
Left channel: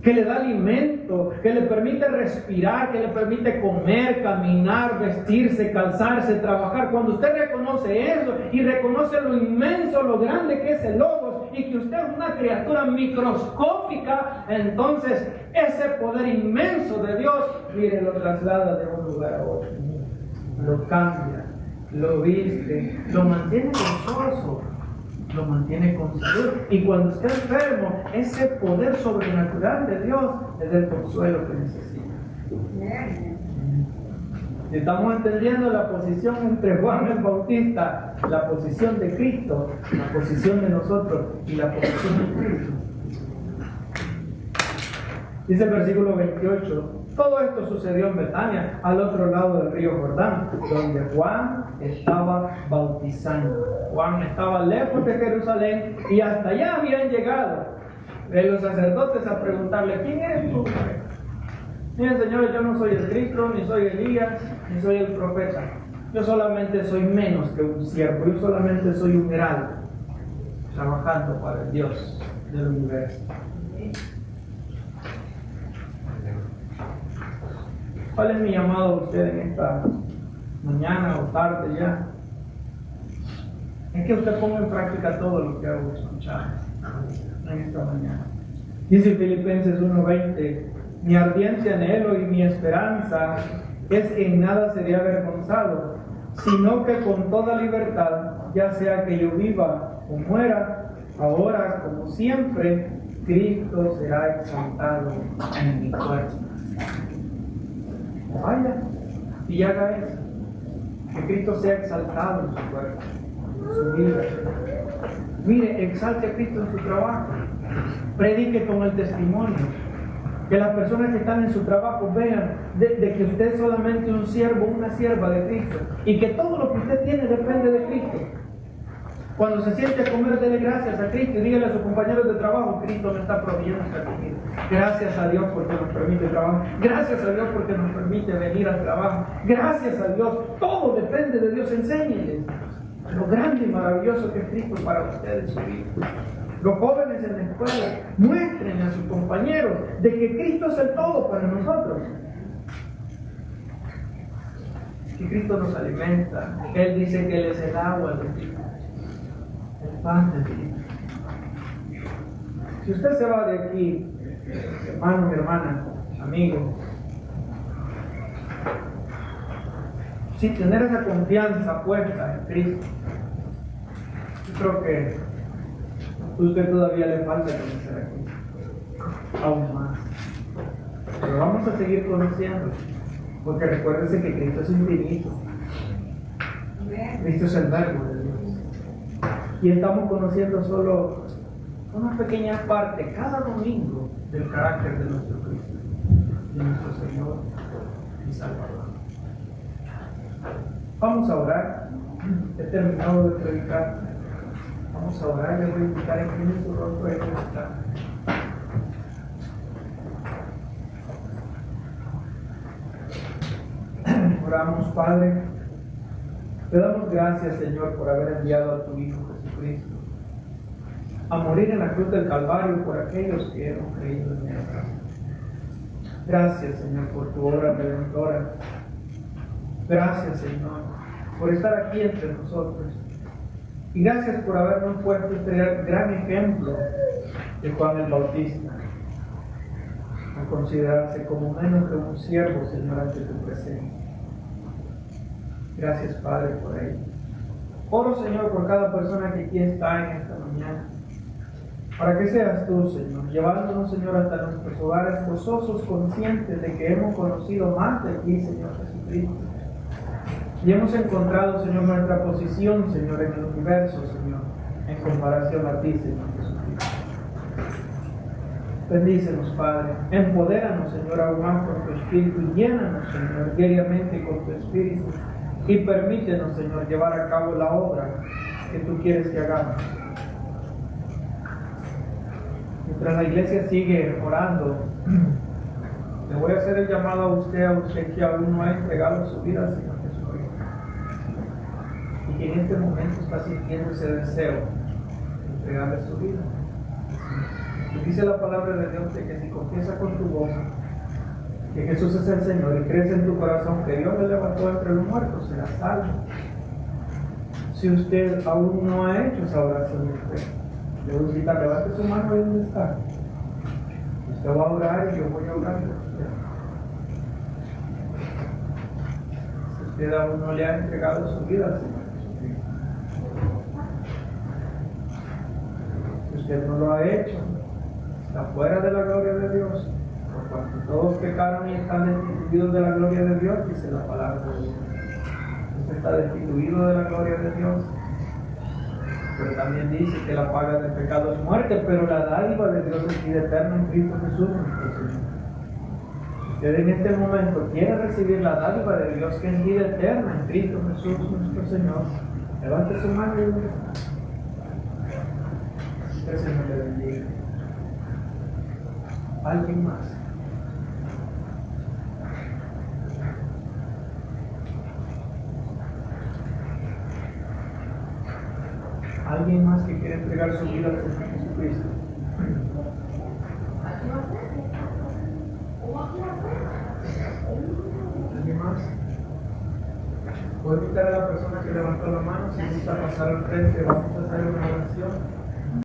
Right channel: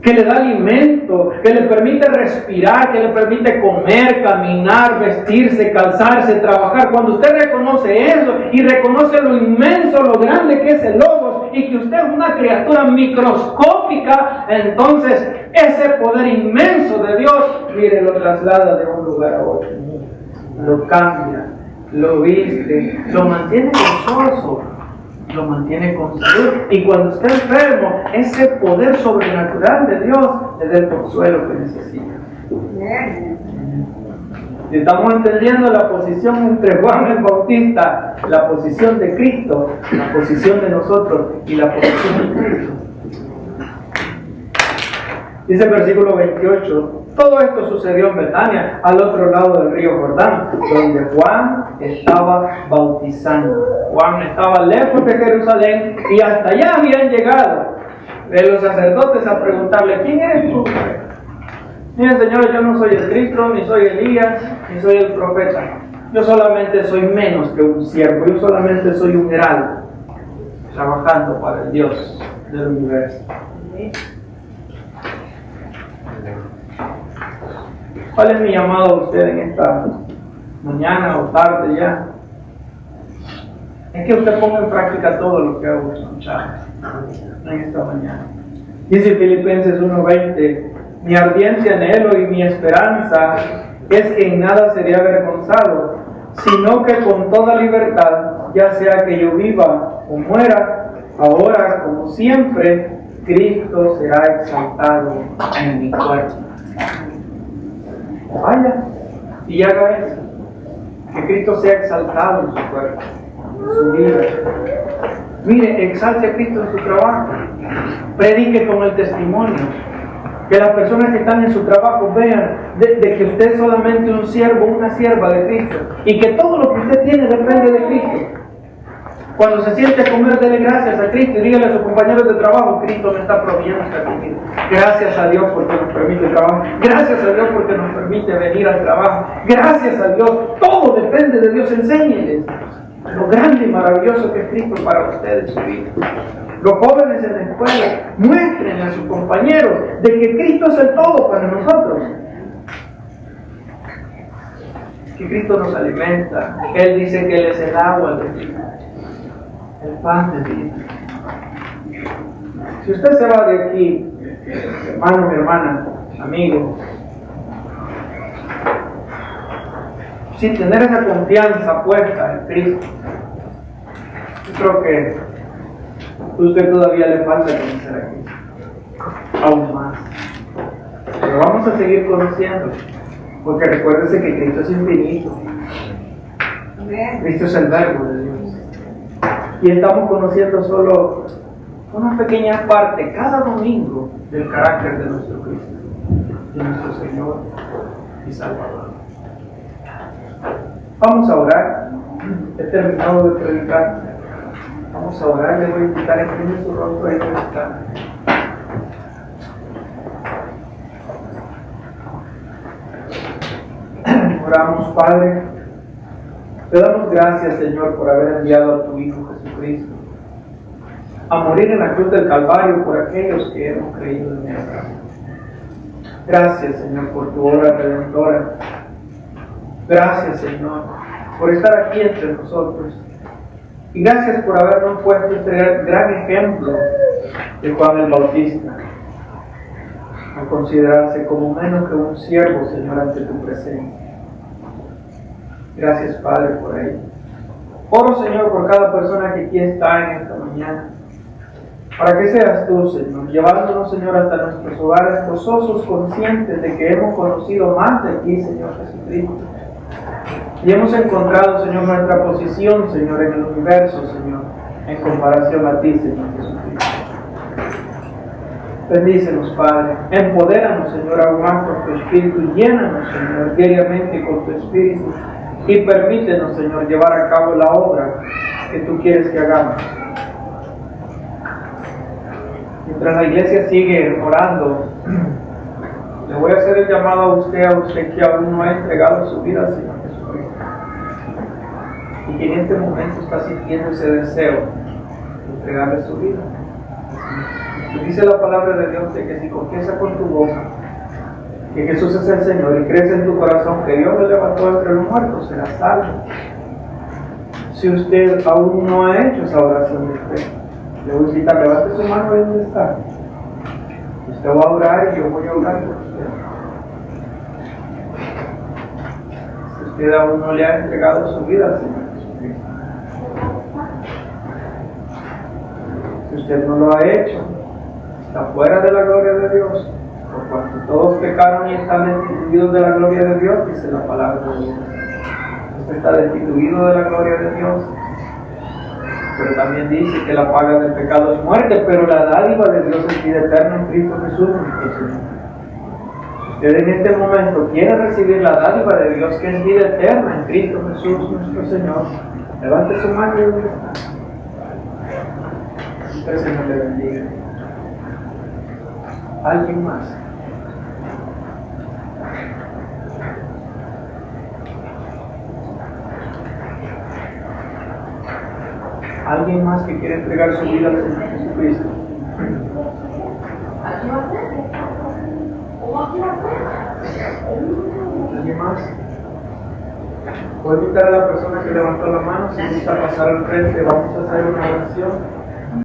que le da alimento, que le permite respirar, que le permite comer, caminar, vestirse, calzarse, trabajar, cuando usted reconoce eso y reconoce lo inmenso, lo grande que es el Logos, y que usted es una criatura microscópica, entonces ese poder inmenso de Dios, mire, lo traslada de un lugar a otro, lo cambia, lo viste, lo mantiene gozoso, lo mantiene con salud, y cuando esté enfermo, ese poder sobrenatural de Dios le da el consuelo que necesita. Si estamos entendiendo la posición entre Juan el Bautista, la posición de Cristo, la posición de nosotros y la posición de Cristo. Dice el versículo 28, todo esto sucedió en Betania, al otro lado del río Jordán, donde Juan estaba bautizando. Juan estaba lejos de Jerusalén y hasta allá habían llegado los sacerdotes a preguntarle, ¿quién eres tú? Miren, señores, yo no soy el Cristo, ni soy Elías, ni soy el profeta. Yo solamente soy menos que un siervo, yo solamente soy un heraldo, trabajando para el Dios del universo. ¿Cuál es mi llamado a usted en esta mañana o tarde ya? Es que usted ponga en práctica todo lo que ha escuchado en esta mañana. Dice Filipenses 1:20, mi ardiente anhelo y mi esperanza es que en nada seré avergonzado, sino que con toda libertad, ya sea que yo viva o muera, ahora como siempre, Cristo será exaltado en mi cuerpo. Vaya y haga eso, que Cristo sea exaltado en su cuerpo, en su vida. Mire, exalte a Cristo en su trabajo, predique con el testimonio, que las personas que están en su trabajo vean de que usted es solamente un siervo, una sierva de Cristo, y que todo lo que usted tiene depende de Cristo. Cuando se siente a comer, dele gracias a Cristo y dígale a sus compañeros de trabajo, Cristo me está proveyendo esta comida. Gracias a Dios porque nos permite trabajar. Gracias a Dios porque nos permite venir al trabajo. Gracias a Dios. Todo depende de Dios. Enséñenles lo grande y maravilloso que es Cristo para ustedes en su vida. Los jóvenes en la escuela, muestren a sus compañeros de que Cristo es el todo para nosotros. Que Cristo nos alimenta. Él dice que Él es el agua de vida, el pan de vida. Si usted se va de aquí, hermano, mi hermana, amigo, sin tener esa confianza puesta en Cristo, yo creo que Usted todavía le falta conocer a Cristo, aún más. Pero vamos a seguir conociendo, porque recuérdese que Cristo es infinito. Cristo es el verbo de Dios. Y estamos conociendo solo una pequeña parte cada domingo del carácter de nuestro Cristo, de nuestro Señor y Salvador. Vamos a orar. He terminado de predicar. Vamos a orar. Le voy a invitar a inclinar su rostro y predicar. Oramos, Padre. Te damos gracias, Señor, por haber enviado a tu Hijo Jesucristo a morir en la cruz del Calvario por aquellos que hemos creído en Él. Gracias, Señor, por tu obra redentora. Gracias, Señor, por estar aquí entre nosotros. Y gracias por habernos puesto este gran ejemplo de Juan el Bautista, a considerarse como menos que un siervo, Señor, ante tu presencia. Gracias, Padre, por ello. Oro, Señor, por cada persona que aquí está en esta mañana, para que seas tú, Señor, llevándonos, Señor, hasta nuestros hogares gozosos, conscientes de que hemos conocido más de ti, Señor Jesucristo. Y hemos encontrado, Señor, nuestra posición, Señor, en el universo, Señor, en comparación a ti, Señor Jesucristo. Bendícenos, Padre. Empodéranos, Señor, aún más con tu Espíritu. Llénanos, Señor, diariamente con tu Espíritu. Y permítenos, Señor, llevar a cabo la obra que tú quieres que hagamos. Mientras la iglesia sigue orando, le voy a hacer el llamado a usted que aún no ha entregado su vida al Señor Jesucristo. Y que en este momento está sintiendo ese deseo de entregarle su vida. Y dice la palabra de Dios de que si confiesas con tu boca que Jesús es el Señor y crees en tu corazón que Dios lo levantó entre los muertos, serás salvo. Si usted aún no ha hecho esa oración de fe, le voy a invitar, levante su mano ahí donde está. Usted va a orar y yo voy a orar por usted. Si usted aún no le ha entregado su vida al Señor Jesucristo, si usted no lo ha hecho, está fuera de la gloria de Dios. Por cuanto todos pecaron y están destituidos de la gloria de Dios, dice la palabra de Dios. Usted está destituido de la gloria de Dios. Pero también dice que la paga del pecado es muerte, pero la dádiva de Dios es vida eterna en Cristo Jesús nuestro Señor. Si usted en este momento quiere recibir la dádiva de Dios, que es vida eterna en Cristo Jesús nuestro Señor, levante su mano y donde está. Que el Señor le bendiga. ¿Alguien más? ¿Alguien más que quiere entregar su vida al Señor Jesucristo? ¿Alguien más? Voy a invitar a la persona que levantó la mano, si gusta pasar al frente, vamos a hacer una oración.